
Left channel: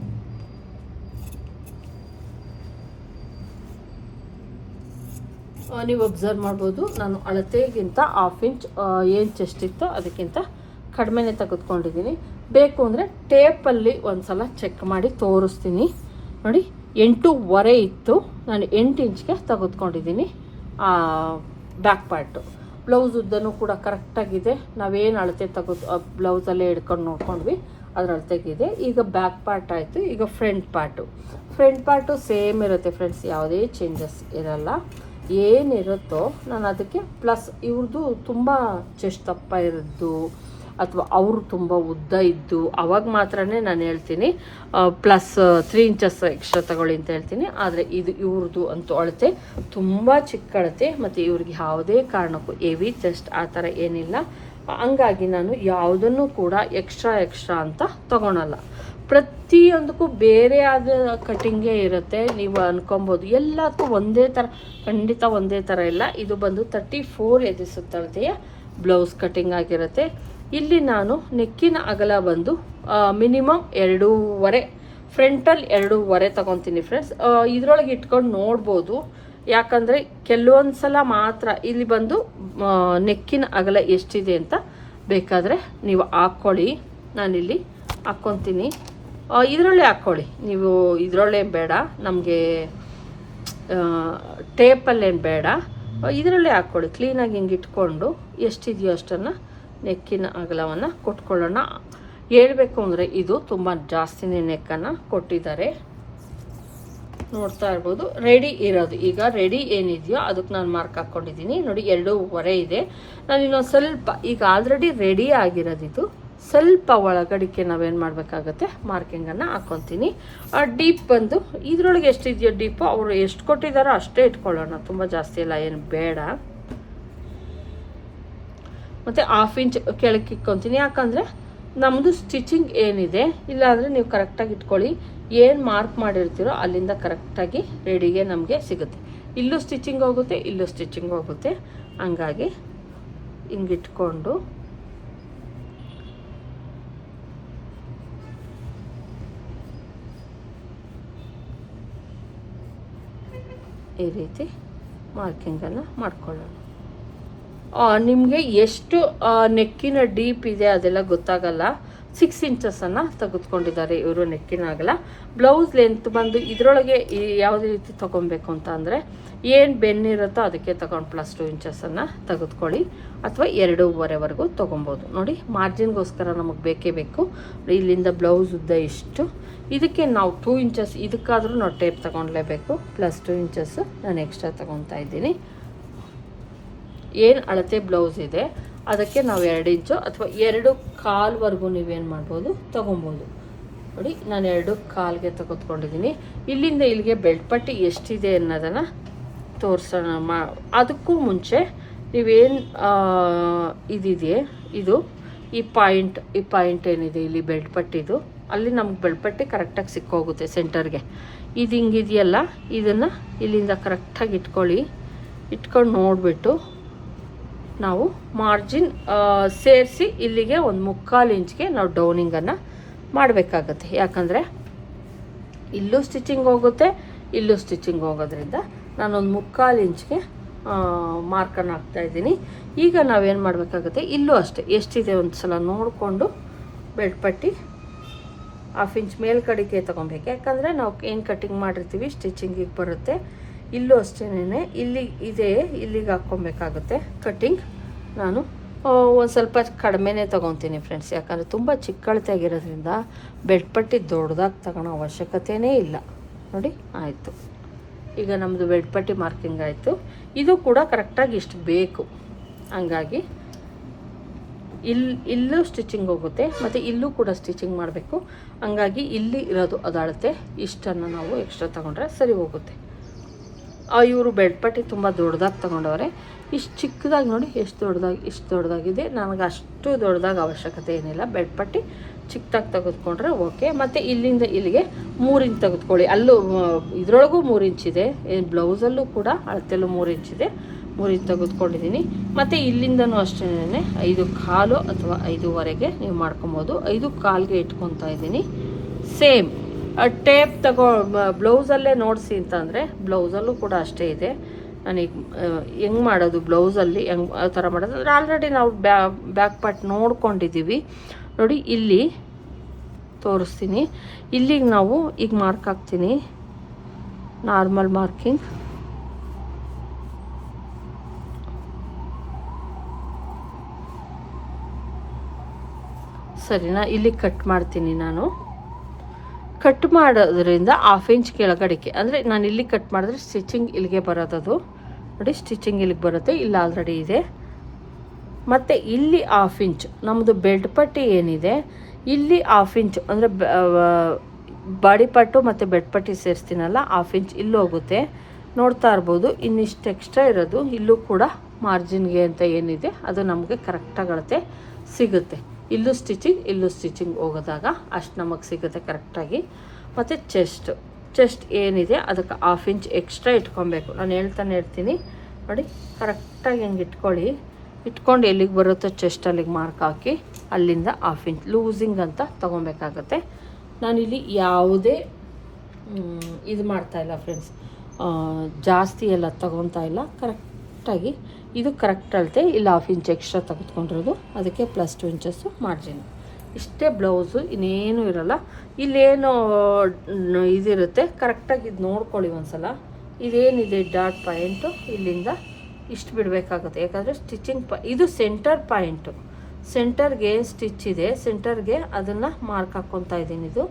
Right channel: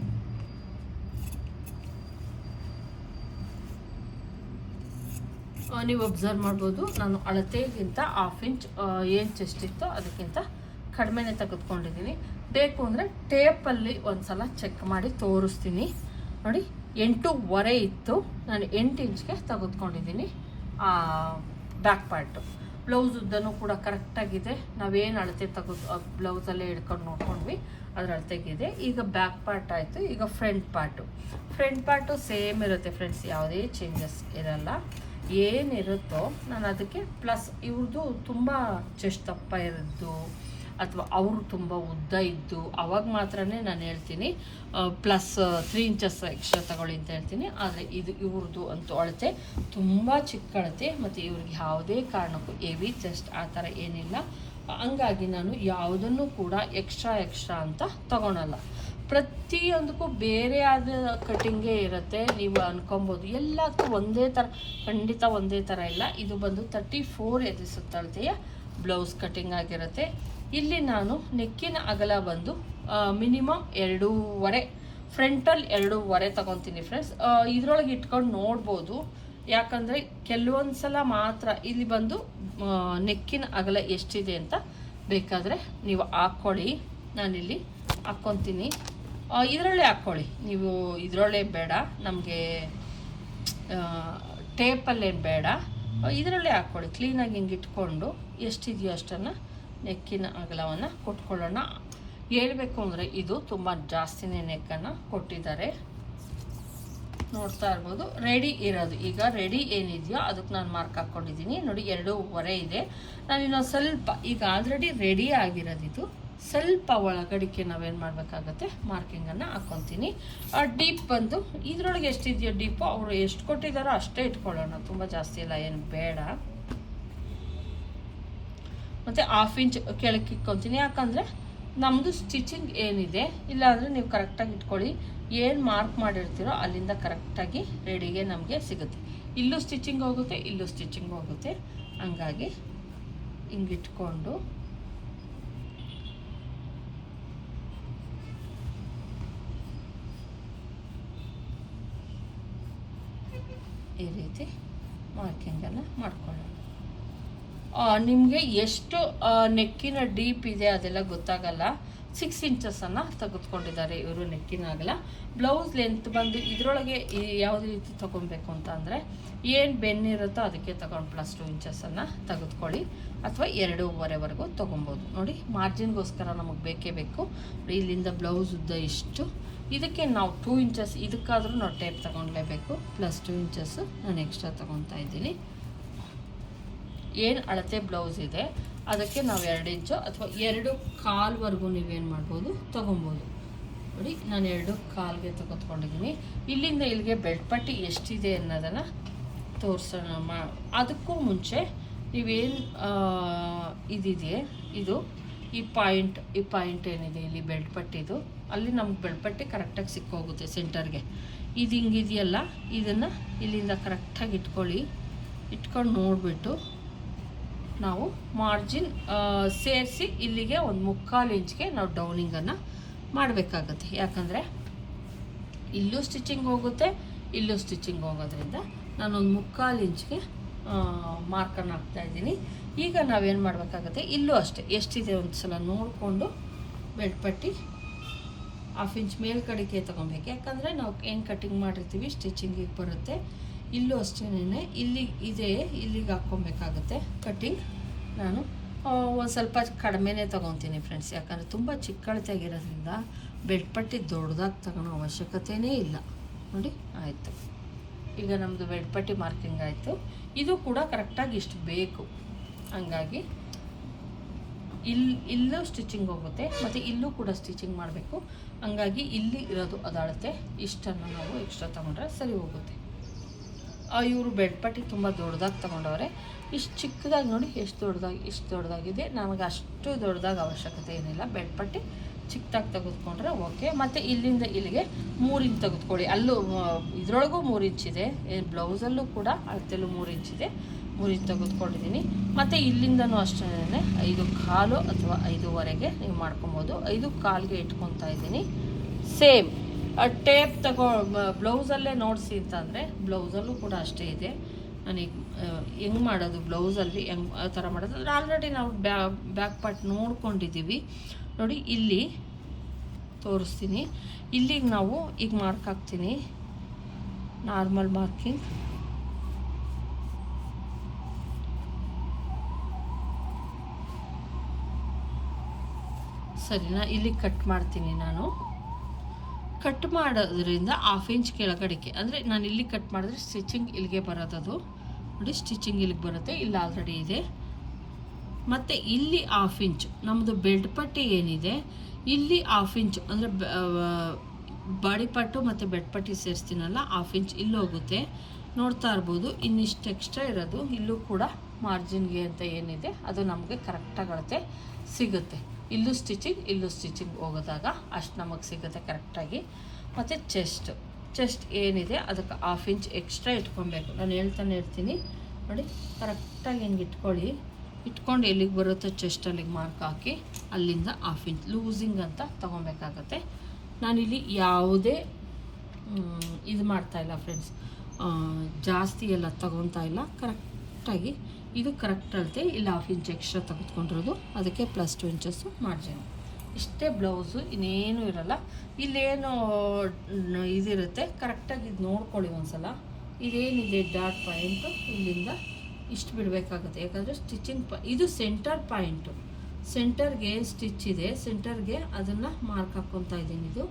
ನೀವು ಅಬ್ಸರ್ವ್ ಮಾಡ್ಬೋದು, ನಾನು ಅಳತೆಗಿಂತ ಹಾಫ್ ಇಂಚ್ ಏನು ಚೆಸ್ಟ್ ಇತ್ತೋ ಅದಕ್ಕಿಂತ ಕಡಿಮೆನೇ ತೆಗೆದುಕೊಂಡಿದ್ದೀನಿ ಬೇಕು ಅಂದರೆ ಟೇಪಲ್ಲಿ ಒಂದು ಸಲ ಚೆಕ್ ಮಾಡಿ ತೋರಿಸ್ತೀನಿ. ನೋಡಿ ಎಂಟೂವರೆ ಇತ್ತು. ನಾನು ಎಂಟು ಇಂಚ್ಗೆ ತೆಗೆದುಕೊಂಡಿದ್ದೀನಿ ಬ್ಯಾಕ್ ಪಾರ್ಟು ಬ್ಲೌಸ್ ಉದ್ದನೂ ಕೂಡ ಕರೆಕ್ಟಾಗಿದೆ ನಾವೇನು ಅಳತೆ ತೆಗೆದು ಬ್ಲೌಸಲ್ಲೇ ಹಿಡ್ಕೊಂಡು ನೋಡ್ಕೊಂಡ್ವಿ, ಅದ್ರ ಅಳತೆಗಿದೆ. ಈಗ ಬ್ಯಾಕ್ ಪಾರ್ಟ್ ಆಯಿತು, ಈಗ front part front part same ಇರುತ್ತೆ ಫ್ರೆಂಡ್ಸ್ ಯಾವುದೇ ಚೇಂಜಸ್ ಇರಲ್ಲ. ಏನಿರುತ್ತೋ, ನಾನು ಅದಕ್ಕೆ ಪ್ಲಸ್ ಇವ್ರದ್ದು ತುಂಬ ಚೆಸ್ಟ್ ದಪ್ಪ ಇರೋದು ಅಥವಾ ಅವರು ತುಂಬ ಉದ್ದ ಇದ್ದು ಅವಾಗ ಮಾತ್ರನೇ ನಾನು ಹೇಳ್ತೀನಿ ಪ್ಲಸ್ ತ್ರೀ ಇಂಚಸ್ ಎಕ್ಸ್ಟ್ರಾ ತಗೊಳ್ಳಿ ಅಂತ ಹೇಳ್ತೀನಿ. ಆದರೆ ಇದು ಇವ್ರದ್ದು ಅಂತೂ ಅಳತೆ ತುಂಬ ಚಿಕ್ಕ ಅಳತೆ ಮತ್ತು ಇವ್ರಿಗೆ ಯಾವುದೇ ಕಾರಣಕ್ಕೂ ಎವಿ ಚೆಸ್ಟ್ ಆ ಥರ ಏನಿಲ್ಲ. ಹಂಗಾಗಿ ನಾನು ಯಾವುದನ್ನು ಕೂಡ ಎಕ್ಸ್ಟ್ರಾ ಎಕ್ಸ್ಟ್ರಾ ಅಂತ ತಗೊಳಲ್ಲ. ಪ್ರತಿಯೊಂದಕ್ಕೂ ಬೇರೆ ಆದ ಕಟಿಂಗೇ ಇರುತ್ತೆ. ನೀವು ಅನ್ಕೊಬೋದು ಎಲ್ಲಕ್ಕೂ ಒಂದೇ ಥರ, ಖಂಡಿತ ಒಂದೇ ಥರ ಇಲ್ಲ. ಇದು ಬಂದು ತರ್ಟಿ ಫೋರ್ ಎದಿಸುತ್ತಳತೆಯ ಬ್ಲೌಸ್ ಕಟಿಂಗ್ ಆಗಿರುತ್ತೆ. ಇಲ್ಲಿ ನಾನು ನೆಕ್ಕಿನ ಅಗಲ ಬಂದು ಮಿನಿಮಮ್ ಎರಡೂವರೆ ಫ್ರಂಟಲ್ ಎರಡೂವರೆ ತಗೊತೀನಿ ಫ್ರೆಂಡ್ಸ್ ಇದ್ರೊಳಗೆ ಇಟ್ಕೊಂಡು ನೋಡ್ಬೋದು. ಯಾಕಂದರೆ ಕೆಲವೊಂದು ಸಲ ಮಾತ್ರ ಇಲ್ಲಿ ಬಂದು ನೆಕ್ಕಿನ ಅಗಲ ಎಷ್ಟಿದೆ ಅಂತ ಬೇಕಾದರೆ ನೀವು ಹಾಕ್ಕೊಳ್ಳಿ. ನಾನಿಲ್ಲಿ ಹಾಕ್ಕೊತೀನಿ. ಇದರಲ್ಲೇ ಹಾಕ್ಕೊಳ್ಳಿ. ನೀವು ಇದರೊಳ್ಳೆ ಬೇಡ. ನಮಗೆ ಟೇಪಲ್ಲೇನು ಬೇಡ. ಇದರಲ್ಲೇ ಹಾಕ್ಕೊಳ್ಳಿ. ಕ್ಲೀನಾಗಿ ಹಿಂಗೆ ಇಟ್ಕೊಂಡು ಎಷ್ಟಿದೆಯೋ ಅಷ್ಟನ್ನು ನೆಕ್ಕಿನ ಅಗಲವನ್ನು ಕೊಟ್ಕೊಳ್ಳೋಣ. ಹೇಳಬೇಕು ಅಂದರೆ ಇದು ತುಂಬ ಜಾಸ್ತಿನೇ ನೆಕ್ಕನ್ನು ಕೊಟ್ಟಿದ್ದಾರೆ. ನೋಡ್ತಾ ಇರ್ಬೋದು. ರೆಡಿ ಇರೋದು. ಈಗ ರೆಡಿ ಏನಿದೆಯೋ ಅದಕ್ಕೆ ನಾನು ಮಾರ್ಕ್ ಹಾಕ್ಕೊಂಡಿದ್ದೀನಿ ನೋಡಿ, ಎರಡೂವರೆ ಇದೆ. ನಾನು ಇನ್ನೊಂದು ಸ್ವಲ್ಪ, ಈಗ ಆಲ್ರೆಡಿ ರೆಡಿ ಆಗಿರೋದಿದ್ದು ಸ್ವಲ್ಪ ಒಳಗಡಿಕೆ ನಾವೇನು ಮಾಡಬೇಕಾಗತ್ತೆ? ಮಾರ್ಕಿಂಗನ್ನು ಹಾಕ್ಕೊತೀನಿ ಆ ಡೀಪ್ ಬಂದು, ಇದರೊಳಗೆ ಎಷ್ಟಿದೆಯೋ ಡೀಪು ಅವರು ಎಷ್ಟು ಕೊಟ್ಟಿದ್ದಾರೋ ಅಷ್ಟೇ ಇಟ್ಕೊಳ್ಳೋಣ. ತುಂಬ ಜಾಸ್ತಿ ಇಲ್ಲ ಏನು ಬೇಡ. ಮತ್ತು ಹಾಫ್ ಇಂಚ್ ಕೆಳಕ್ಕೆ ಇಕ್ಕೊತೀನಿ ಯಾಕಂದರೆ ನಮ್ಮದು ಸ್ಟಿಚಿಂಗ್ ಏನಿದೆ, ಇಲ್ಲಾಂದರೆ ನೀವು ಕರೆಕ್ಟಾಗಿ ಇಟ್ಕೊಳ್ಳಿ. ಏನು ಮಾರ್ಕ್ ಮಾಡಿರ್ತೀರೋ ಅಲ್ಲಿಂದ ಕರೆಕ್ಟಾಗಿ ರೆಡಿಗೆ ನಮಗೆ ಸಿಗುತ್ತೆ. ಇಲ್ಲೂ ಸ್ಟಿಚಿಂಗ್ ಹೋಗುತ್ತೆ, ಇಲ್ಲೂ ಸ್ಟಿಚಿಂಗ್ ಹೋಗುತ್ತೆ. ಹಂಗಾಗಿ ಹಿಂಗಿಟ್ಕೊಂಡು ಈ ರೀತಿ ಮಾರ್ಕಿಂಗನ್ನು ಮಾಡ್ಕೊಳ್ಳೋಣ. ನಿಮಗೆ ಎಷ್ಟು ನೆಕ್ಕಿನ ಡೀಪ್ ಇದೆ ಅದೆಲ್ಲ ಗೊತ್ತಾಗಲ್ಲ. ಸಿಕ್ಸ್ ಇಂಚಸನ್ನು ತೆಗೆದುಕೊಂಡಿದ್ದಾರೆ ಇವರು ನೆಕ್ಕಿನ ಆಗಲ್ಲ ಬ್ಲೌಸ್ ಲೆಂತ್ ಬಂದು ಇದರೊಳಗೆ ಯಾವುದೇ ರೀತಿ ತೊಗೊಬೇಕು ಅಂತ ಅಂದರೆ ಏನು ಬೆನ್ನಿರುತ್ತೋ ಅದಕ್ಕೆ ತಗೊಂಡು ಪ್ಲಸ್ ಟು ಇಂಚಸನ್ನು ತೆಗೆದುಕೊಳ್ಳಿ. ಅಥವಾ ಎರಡೂವರೆವರೆಗೂ ತೊಗೊಬೋದು. ನೋಡಿ ಮಾರ್ಜಿನ್ಗೋಸ್ಕರ ನಮಗೆ ಬೇಕೇ ಬೇಕು. ಇಲ್ಲಿಂದ ಬ್ಲೌಸ್ ಉದ್ದ ಇಷ್ಟು ಇದಕ್ಕೆ ನಾವು ಟೂ ಇಂಚಸ್ ಇದಕ್ಕಾದರೂ ನಾವು ಟೇಪ್ ತಗೊಳ್ಲೇಬೇಕು ಪ್ಲಸ್ ಟೂ ಇಂಚಸ್ ನಾನು ಎಕ್ಸ್ಟ್ರಾ ತೊಗೊತಾ ಇದ್ದೀನಿ. ಏನು ಅಳತೆ ಬ್ಲೌಸ್ ಇದೆ, ಅದಕ್ಕೆ ನಾವು ಎರಡು ಇಂಚು ಅಥವಾ ಎರಡು ಕಾಲ್ವರೆಗೂ ನೀವೇನು ಮಾಡ್ಬೋದು, ತೊಗೊಬೋದು. ನೋಡಿ, ನಾನು ಎರಡು ಕಾಲ್ಗೆ ತೆಗೆದುಕೊಂಡಿದ್ದೀನಿ ಇಲ್ಲಿಂದ ಇಲ್ಲಿಗೆ ಬೆಲ್ಟ್ ಪಟ್ಟಿ ಎಷ್ಟಿದೆ ಅನ್ನೋದನ್ನು ತೋರಿಸೋಣ. ಮಾ, ಅದಕ್ಕೂ ಮುಂಚೆ ನೀವೇನು ಇದಿದೆ ಇದು, ಈ ಪಾಯಿಂಟ್ ಈ ಪಾಯಿಂಟ್ ಏನಿದೆ ಇಲ್ಲಿ ಬೆಲ್ಟ್ ಪಟ್ಟಿದು, ಅಲ್ಲಿ ನಮ್ಗೆ ಬೆಲ್ಟ್ ಪಟ್ಟಿ ಕರೆಕ್ಟಾಗಿ ಸಿಕ್ಕೋಗುತ್ತೆ ಸೆಂಟರ್ಗೆ. ಇದು ಹಿಂಗಿದೆಯಲ್ಲ, ಇದನ್ನು ಇಲ್ಲಿಂದ ಕರೆಕ್ಟಾಗಿ ಇಟ್ಕೊಳ್ಳಿ. ಇಟ್ಕೊಂಡು ನೋಡಿಬಿಟ್ಟು ನಾವು ಮಾರ್ಜಿನ್ ಸೇರಿಸಿ ಇಲ್ಲಿಗೆ ಒಂದು ಮುಕ್ಕಾಲು ಇಂಚ್ಗೆ ನಾವು ಡೌನಿಂಗನ್ನು ಮಾಡಬೇಕಾಗತ್ತೆ. ಯಾಕಂದರೆ ಇಲ್ಲೂ ಸ್ಟಿಚಿಂಗ್ ಹೋಗುತ್ತೆ, ಇಲ್ಲೂ ಸ್ಟಿಚಿಂಗ್ ಹೋಗೋದ್ರಿಂದ ನಾನೊಂದು ಮುಕ್ಕಾಲು ಇಂಚ್ಗೆ ಮಾರ್ಕನ್ನು ಹಾಕ್ತಾ ಇದ್ದೀನಿ. ಈಗ ನಾವೇನು ಮಾಡಬೇಕಾಗುತ್ತೆ, ಇಲ್ಲೂ ಅಷ್ಟೇ, ಎಷ್ಟಿದೆ ಒಂದು ಸಲ ನೋಡಿಕೊಂಡು ಬೆಡ್ ಪಟ್ಟಿ ಹಾಫ್ ಇಂಚ್ ಮೇಲ್ಕಡಿಕೆ ತೊಗೊಬೇಕು. ಯಾಕಂದರೆ ನಾವು ಏನು ಕಟ್ಟಿಂಗ್ ಮಾಡಿರ್ತೀವಿ ಸ್ಟಿಚಿಂಗಿಗೆ ಬರುತ್ತೆ. ಇಲ್ಲೂ ಅಷ್ಟೇನೆ ಇಲ್ಲಿ ಇದೆ, ಇಲ್ಲಿಗೆ ಹಾಕ್ಕೊಬೇಕಾಗುತ್ತೆ ಕಟ್ಟಿಂಗ್ ನಾನು ಒಂದು ಸ್ವಲ್ಪ ಕಡಿಮೆನೇ ತೊಗೊತೀನಿ ಫ್ರೆಂಡ್ಸ್ ಯಾಕಂದರೆ ತುಂಬ ಚಿಕ್ಕಳತೆಯಾಗಿರೋದ್ರಿಂದ ಬೆಡ್ ಪಟ್ಟಿ ದೊಡ್ಡದಾಗಿ ತಗೊಳೋ ಅವಶ್ಯಕತೆಯೇ ಇಲ್ಲ. ನೋಡಿ, ಆಯಿತು. ಈಗ ನಮ್ಮದು ಬೆಡ್ ಪಟ್ಟಿ ಮಾರ್ಕಿಂಗ್ ಆಯಿತು. ಇದು ಕೂಡ ಕರೆಕ್ಟಾಗಿ ಇಷ್ಟು ಬೇಕು. ಹಂಗಾಗಿ ಇಲ್ಲಿ ಇಲ್ಲೂ ಸ್ಟಿಚಿಂಗ್ ಹೋಗುತ್ತೆ, ಮತ್ತು ಇಲ್ಲೂ ಕೂಡ ಸ್ಟಿಚಿಂಗ್ ಮಾಡಬೇಕು. ಹಂಗಾಗಿ ಇಲ್ಲಿ ಇರೋದು ಅದಾಳತೆ ಇಷ್ಟನ್ನು ನಾವು ಎಕ್ಸ್ಟ್ರಾ ತೊಗೊಂಡ್ರೆ ಸರಿ ಹೋಗುತ್ತೆ. ಇವರು ಬೆಡ್ ಪಟ್ಟಿ ತುಂಬ ದೊಡ್ಡದಾಗಿ ತೊಗೊಂಡವ್ರೆ. ಇಷ್ಟು ಚಿಕ್ಕದಾಗಿ ನೋಡಿ ಎಷ್ಟು ದೊಡ್ಡದಾಗಿ, ಇಷ್ಟು ದೊಡ್ಡದಾಗಿದೆ. ನನಗೆ ಅಷ್ಟು ದೊಡ್ಡದಾಗಿ ಅವಶ್ಯಕತೆ ಏನಿಲ್ಲ. ಬೆಡ್ ಪಟ್ಟಿ ಚಿಕ್ಕದಾಗಿ ತೆಗೆದುಕೊಂಡ್ರೆ ಓಕೆ ಮತ್ತು ಇಲ್ಲಿಂದ ಇಲ್ಲಿಗೆ ಮೂರು ಇಂಚ್ ತೆಗೆದುಕೊಳ್ಳಿ. ಅಲ್ಲೂ ಇದರೊಳಗೂ ಮೂರು ಇಂಚಿದೆ ಬ್ಲೌಸಲ್ಲೂ ಕೂಡ ಅಳತೆಲ್ಲೂ ಮೂರು ಇಂಚಿದೆ ಮೂರು ಇಂಚ್ ತೆಗೆದುಕೊಂಡಿದ್ದೀನಿ ಮತ್ತು ಇಲ್ಲಿಂದನೂ ಅಷ್ಟೇ ಐದು ಕಾಲು ಅಥವಾ ಐದೂವರೆಗೆ ನೀವು ಮಾಡ್ಕೊಬೋದು. ಐದು ಕಾಲಿಗೆ ಇಟ್ಕೊತಾ ಇದ್ದೀನಿ. ಸೇಮ್. ಟೇಪ್ ತಗೋ ಬ್ಲೌಸಲ್ಲೇ ನೋಡಿಸಿ ಅಂತಂದರೆ ಬ್ಲೌಸಲ್ಲೂ ಕೂಡ ಅಷ್ಟೇ ಇದೆ. ನನಗೆ ಹೆಂಗೆ ಮಾಡೋದು ಬ್ಲೌಸಲ್ಲಿ ಹೆಂಗೆ, ಆ ಥರ ಮಾಡೋದು? ಅಂದರೆ ಆಲ್ರೆಡಿ ನಾವು ಬ್ಯಾ ಬ್ಯಾಕ್ ಪಾರ್ಟ್ ನೋಡ್ಕೊಂಡಿದ್ದೀವಿ. ನೋಡಿ, ಇಲ್ಲಿ ತೋರಿಸ್ತೀನಿ. ಇಲ್ಲಿಗೆ ನಾವು ಈಗ ಮಾರ್ಕ್ ಹಾಕ್ತೀನಿ. ನಾರ್ಮಲ್ ಮಾರ್ಕಿಂಗ್ ಸರಿನಾ? ಇಲ್ಲಿ ಕಟ್ ಮಾಡ್ತೀನಿ ನಾನು. ಕಟ್ ಮಾಡೋದ್ರಿಂದ ಹಾಫ್ ಇಂಚ್ ಕೆಳಗಡೆಗೆ, ಅಂದರೆ ನಾನು ಇಲ್ಲಿ ಕಟ್ ಮಾಡಿದ್ರೆ ಸ್ಟಿಚಿಂಗ್ ಇಲ್ಲಿಗೆ ಬರೋದದು. ನೋಡಿ ಸ್ಟಿಚಿಂಗ್ ಇಲ್ಲಿಗೆ ಬರುತ್ತೆ, ಇಲ್ಲಿ ಆಲ್ರೆಡಿ ಇದೆ. ಮತ್ತು ಇಲ್ಲಿ ಹಾಫ್ ಇಂಚ್ ನಮ್ಮದು ಬೆಲ್ಟ್ ಪಟ್ಟಿ ಏನಿದೆ, ಇಲ್ಲಿ ಹಾಫ್ ಇಂಚ್ ಅಂದರೆ ಬಾಡಿ ಪಟ್ಟು ಮತ್ತು ಬೆಡ್ ಪಟ್ಟಿ ಸೇರಿಸ್ತೀನಲ್ಲ ಹಾಫ್ ಇಂಚ್ ಇಲ್ಲಿ ಹೋಗುತ್ತೆ. ನೋಡ್ತಾ ಇರ್ಬೋದು, ಇನ್ನಿಷ್ಟು ಎಕ್ಸ್ಟ್ರಾ ಇರೋದು, ಇಲ್ಲೂ ಕೂಡ ಮಾರ್ಜಿನ್ಗೆ ಅಂತ ಏನಿದೆ, ಅದು ನಮಗೆ ಕರೆಕ್ಟಾಗಳತೆ ಸಿಗುತ್ತೆ. ಇಲ್ಲೂ ಸ್ಟಿಚಿಂಗ್ ಇಲ್ಲೂ ಸ್ಟಿಚಿಂಗ್ ಹೋಗೋದಾಗ ಅಷ್ಟು ನಮಗೆ ಸಿಗುತ್ತೆ ಕರೆಕ್ಟಾಗಿ ಮತ್ತು ಚೆಸ್ಟ್ ಚೆಸ್ಟ್ ಏನಿದೆ ಅದಕ್ಕೆ ಹಾಫ್ ಇಂಚ್ ಎಕ್ಸ್ಟ್ರಾ ಇಟ್ಕೊಬೇಕು. ನಾನು ಹೇಳ್ತಾನೆ ಇರ್ತೀನಿ. ನೋಡಿ ಕರೆಕ್ಟಾಗಿ ಹೆಂಗೆ ಇಟ್ಕೊಳ್ಳಿ. ಇಟ್ಕೊಂಡು ಎಲ್ಲಿಗೆ ಬರುತ್ತೋ ಚೆಸ್ಟ್ ಅಲ್ಲಿಗೆ ಮಾರ್ಕ್ ಹಾಕಿ, ಅಲ್ಲಿಂದ ಹಾಫ್ ಇಂಚ್ ಲೂಸಿಂಗ್ ಅಂತ ತೊಗೊಬೇಕಾಗತ್ತೆ. ನಾನಿಲ್ಲಿ ಯಾವುದೇ ಇದು ಮಾಡ್ತಾಯಿಲ್ಲ ಫ್ರೆಂಡ್ಸ್ ಜಾಸ್ತಿ ಎಲ್ಲ ತೊಗೊತಾಯಿಲ್ಲ ಕರೆಕ್ಟಾಗಿ ಇದು ಕರೆಕ್ಟ್ ಅಳತೆ ಇಲ್ಲಿ ಹಾಫ್ ಇಂಚ್ ಎಕ್ಸ್ಟ್ರಾ ತೆಗೆದುಕೊಂಡಿರೋದು. ಅದಕ್ಕೆ ಪ್ಲಸ್ ಟು ಇಂಚಸ್ಸು ಮಾರ್ಜಿನ್ ಇಷ್ಟೇ ಬ್ಲೌಸು ಇನ್ನೇನು ಇರಲ್ಲ. ಇಲ್ಲೇನು ಇದಿರುತ್ತೆ. ಕರೆಕ್ಟಾಗಿ ಇದು ನೋಡ್ಕೊಳ್ಳಿ ಒಂದ್ಸಲ. ಇದೇನಿದೆ ಡಾಟ್ ಪಾಯಿಂಟು ಇಲ್ಲಿಂದ ಇಷ್ಟು ಬಿಡಬೇಕಾಗುತ್ತೆ. ಯಾಕಂದರೆ ಸ್ಟಿಚಿಂಗ್ ಪ, ಇದು ಸೆಂಟರ್ ಪಾಯಿಂಟು ಸೆಂಟರ್ಗೆ ಸ್ಟಿಚ್ ಇದೆ. ಸೆಂಟರ್ಗೆ ಅದನ್ನು ಮಾರ್ಕ್ ಹಾಕ್ಕೊತಾ ಇದ್ದೀನಿ ಇದು.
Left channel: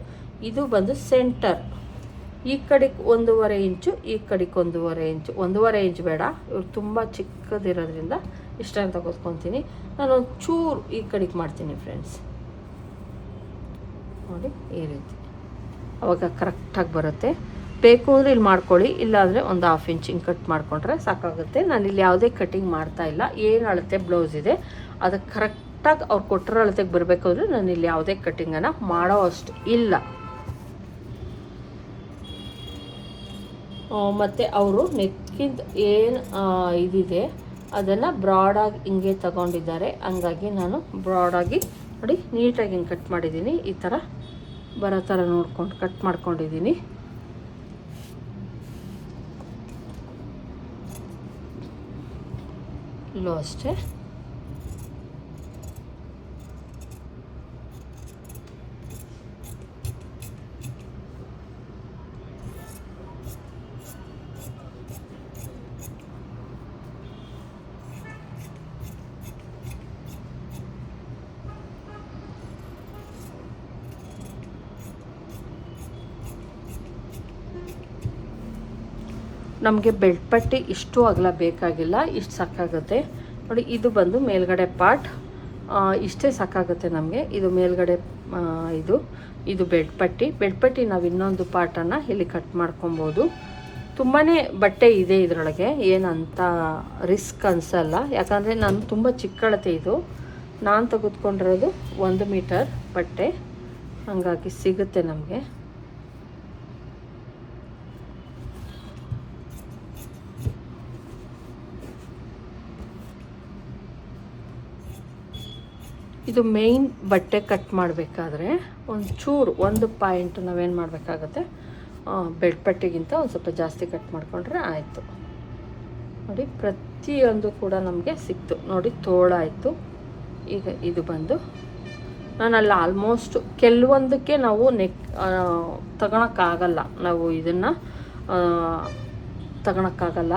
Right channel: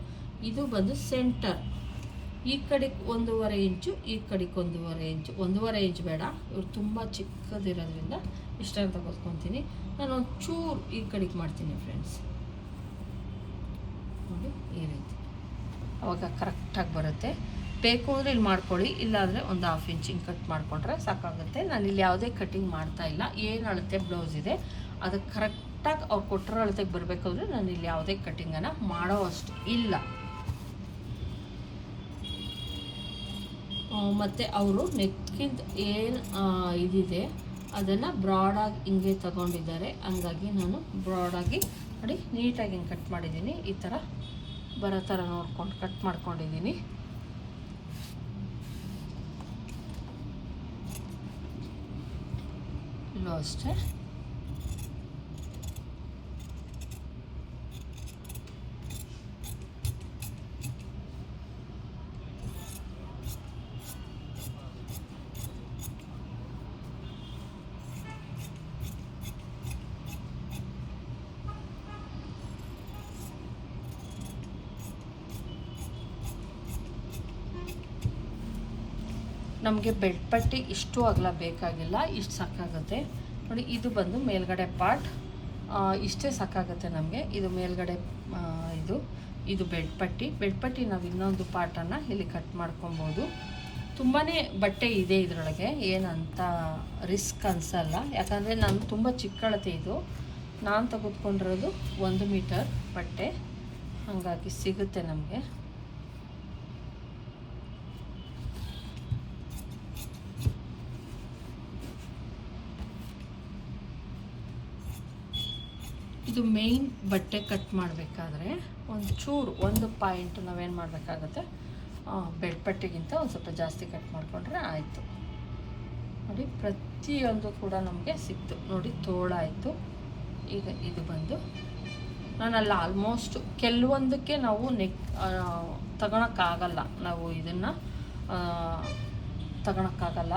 ಇದು ಬಂದು ಸೆಂಟರ್ ಈ ಕಡೆಗೆ ಒಂದೂವರೆ ಇಂಚು, ಈ ಕಡೆಗೆ ಒಂದೂವರೆ ಇಂಚು. ಒಂದೂವರೆ ಇಂಚ್ ಬೇಡ, ಇವ್ರು ತುಂಬ ಚಿಕ್ಕದಿರೋದ್ರಿಂದ ಇಷ್ಟ ಅಂತ ಕೂತ್ಕೊತೀನಿ. ನಾನು ಚೂರು ಈ ಕಡೆಗೆ ಮಾಡ್ತೀನಿ ಫ್ರೆಂಡ್ಸ್ ನೋಡಿ, ಈ ರೀತಿ. ಅವಾಗ ಕರೆಕ್ಟಾಗಿ ಬರುತ್ತೆ. ಬೇಕು ಅಂದರೆ ಇಲ್ಲಿ ಮಾಡ್ಕೊಳ್ಳಿ, ಇಲ್ಲಾಂದರೆ ಒಂದು ಹಾಫ್ ಇಂಚ್ ಹಿಂಗೆ ಕಟ್ ಮಾಡಿಕೊಂಡ್ರೆ ಸಾಕಾಗುತ್ತೆ. ನಾನು ಇಲ್ಲಿ ಯಾವುದೇ ಕಟಿಂಗ್ ಮಾಡ್ತಾ ಇಲ್ಲ. ಏನು ಅಳತೆ ಬ್ಲೌಸ್ ಇದೆ ಅದಕ್ಕೆ ಕರೆಕ್ಟಾಗಿ ಅವ್ರು ಕೊಟ್ಟಿರೋ ಅಳತೆಗೆ ಬರಬೇಕು ಅಂದರೆ ನಾನು ಇಲ್ಲಿ ಯಾವುದೇ ಕಟಿಂಗನ್ನು ಮಾಡೋ ಅಷ್ಟು ಇಲ್ಲ. ಮತ್ತು ಅವರು ನೆಕ್ಕಿಂದ ಏನು ಇದಿದೆ, ಅದನ್ನು ಬ್ರಾಡಾಗಿ ಹಿಂಗೆ ತಗೊಂಡಿದ್ದಾರೆ. ಹಂಗಾಗಿ ನಾನು ಬ್ರಾಡಾಗಿ ನೋಡಿ, ನೀಟಾಗಿ ಹಿಂಗೆ ಕಟ್ ಮಾಡಿದ್ದೀನಿ ಈ ಥರ ಬರೋ ಥರ ನೋಡ್ಕೊಂಡು ಕಟ್ ಮಾಡ್ಕೊಂಡಿದ್ದೀನಿ ಇಲ್ಲೂ ಅಷ್ಟೇ. ನಮಗೆ ಬೆಲ್ಟ್ ಪಟ್ಟಿ ಇಷ್ಟು ಅಗಲ ಬೇಕಾಗಿಲ್ಲ, ಇಷ್ಟು ಸಾಕಾಗುತ್ತೆ. ನೋಡಿ, ಇದು ಬಂದು ಮೇಲ್ಗಡೆ ಪಾರ್ಟ್ ಇಷ್ಟೇ ಸಾಕಾಗುತ್ತೆ ನಮಗೆ. ಇದು ಮೇಲ್ಗಡೆ ಇದು ಇದು ಬೆಡ್ ಪಟ್ಟಿ. ಬೆಡ್ ಪಟ್ಟಿ ನಾವು ಇನ್ನೊಂದು ಪಾರ್ಟನ್ನು ಇಲ್ಲಿ ಕಟ್ ಮಾಡ್ಕೊಬೋದು. ತುಂಬಾ ಬಟ್ಟೆ ಇದೆ ಇದರೊಳಗೆ. ಏನಂತ ರಿಸ್ಕ್ ಅನಿಸಲ್ಲ. ಯಾಕಂದರೆ ನಾನು ತುಂಬ ಚಿಕ್ಕಳತೆ ಇದು. ನಾನು ತೆಗೆದುಕೊಂಡಿರೋದು ಒಂದು ಮೀಟರ್ ಬಟ್ಟೆ. ಹಾಗಾಗಿ ಸಿಗುತ್ತೆ ನಮಗೆ. ಇದು ಮೇಯ್ನ್ ಬಟ್ಟೆ ಕಟ್ ಮಾಡಬೇಕಾದ್ರೆ ಒಂದು ಚೂರು ಒಂದು ಪಾಯಿಂಟ್ ನಾವೇನು ಮಾಡಬೇಕಾಗತ್ತೆ? ಬೆಡ್ ಪಟ್ಟಿಗಿಂತ ಒಂದು ಸ್ವಲ್ಪ ಜಾಸ್ತಿ ಕಟ್ ಮಾಡಿಕೊಂಡ್ರೆ ಆಯಿತು. ನೋಡಿ, ಪ್ರತಿಯೊಂದು ಕೂಡ ನಮಗೆ ಸಿಕ್ತು. ನೋಡಿ ತೋಳಾಯಿತು ಈಗ ಇದು ಬಂದು ನಾನಲ್ಲಿ ಆಲ್ಮೋಸ್ಟ್ ಕೆಲವೊಂದಕ್ಕೆ ನಾವು ನೆಕ್ ತಗೊಳಕ್ಕಾಗಲ್ಲ. ನಾವು ಇದನ್ನು ತಗೊಳಕ್ಕಾಗಲ್ಲ.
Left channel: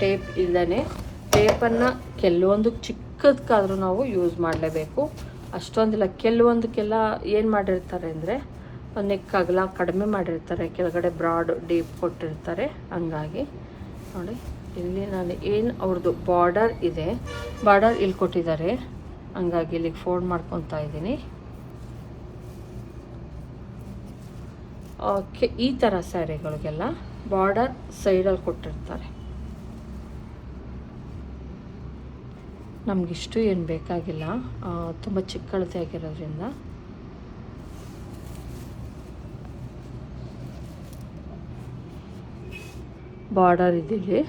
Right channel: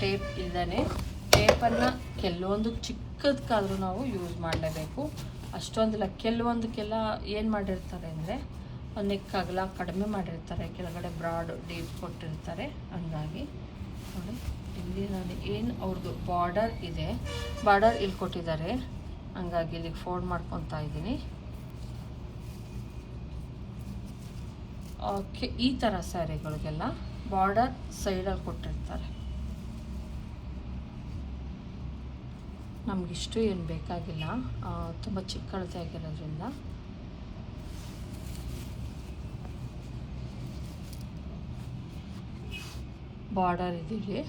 ಟೇಪ್ ಇಲ್ಲದೇ ಟೇಪನ್ನು ಕೆಲವೊಂದು ಚಿಕ್ಕದಕ್ಕಾದರೂ ನಾವು ಯೂಸ್ ಮಾಡಲೇಬೇಕು. ಅಷ್ಟೊಂದಿಲ್ಲ, ಕೆಲವೊಂದಕ್ಕೆಲ್ಲ ಏನು ಮಾಡಿರ್ತಾರೆ ಅಂದರೆ ನೆಕ್ ಅಗಲ ಕಡಿಮೆ ಮಾಡಿರ್ತಾರೆ. ಕೆಳಗಡೆ ಬ್ರಾಡ್ ಡೀಪ್ ಕೊಟ್ಟಿರ್ತಾರೆ. ಹಂಗಾಗಿ ನೋಡಿ, ಇಲ್ಲಿ ನಾನು ಏನು ಅವ್ರದ್ದು ಬಾರ್ಡರ್ ಇದೆ ಬಾರ್ಡರ್ ಇಲ್ಲಿ ಕೊಟ್ಟಿದ್ದಾರೆ. ಹಂಗಾಗಿ ಇಲ್ಲಿಗೆ ಫೋಲ್ಡ್ ಮಾಡ್ಕೊತಾ ಇದ್ದೀನಿ. ಓಕೆ ಈ ಥರ ಸ್ಯಾರಿಗಳಿಗೆಲ್ಲ ಬಾರ್ಡರ್ ಸೈಡಲ್ಲಿ ಕೊಟ್ಟಿರ್ತಾರೆ. ನಮಗಿಷ್ಟು ಏನು ಬೇಕಾಗಿಲ್ಲ. ತುಂಬ ಚಿಕ್ಕಳತೆ ಬಾರ್ಡರ್ ಇದಿದೆ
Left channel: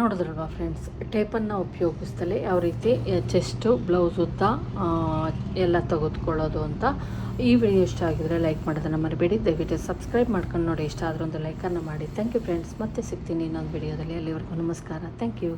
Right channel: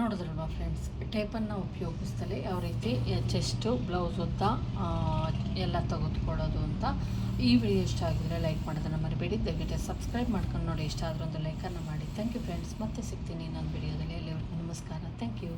ನೋಡಿದ್ರಲ್ವಾ ಫ್ರೆಂಡ್ಸ್ ಟೇಪನ್ನು ಉಪಯೋಗಿಸ್ತಲೇ ಯಾವ ರೀತಿ ಚೆಸ್ಟು ಬ್ಲೌಸ್ ಉದ್ದ ಎಲ್ಲ ತೆಗೆದುಕೊಳ್ಳೋದು ಅಂತ ಈ ವಿಡಿಯೋ ಇಷ್ಟ ಆಗಿದ್ರೆ ಲೈಕ್ ಮಾಡೋದನ್ನು ಮರಿಬೇಡಿ. ದಯವಿಟ್ಟು ಸಬ್ಸ್ಕ್ರೈಬ್ ಮಾಡ್ಕೊಂಡು ನೋಡಿ. ಇಷ್ಟ ಆದ್ರೆ ಒಂದು ಲೈಕನ್ನು ಮಾಡಿ. ಥ್ಯಾಂಕ್ ಯು ಫ್ರೆಂಡ್ಸ್ ಮತ್ತೆ ಸಿಗ್ತೀನಿ ಇನ್ನೊಂದು ವಿಡಿಯೋದಲ್ಲಿ ಅಲ್ಲಿವರೆಗೂ ನಮಸ್ಕಾರ. Thank you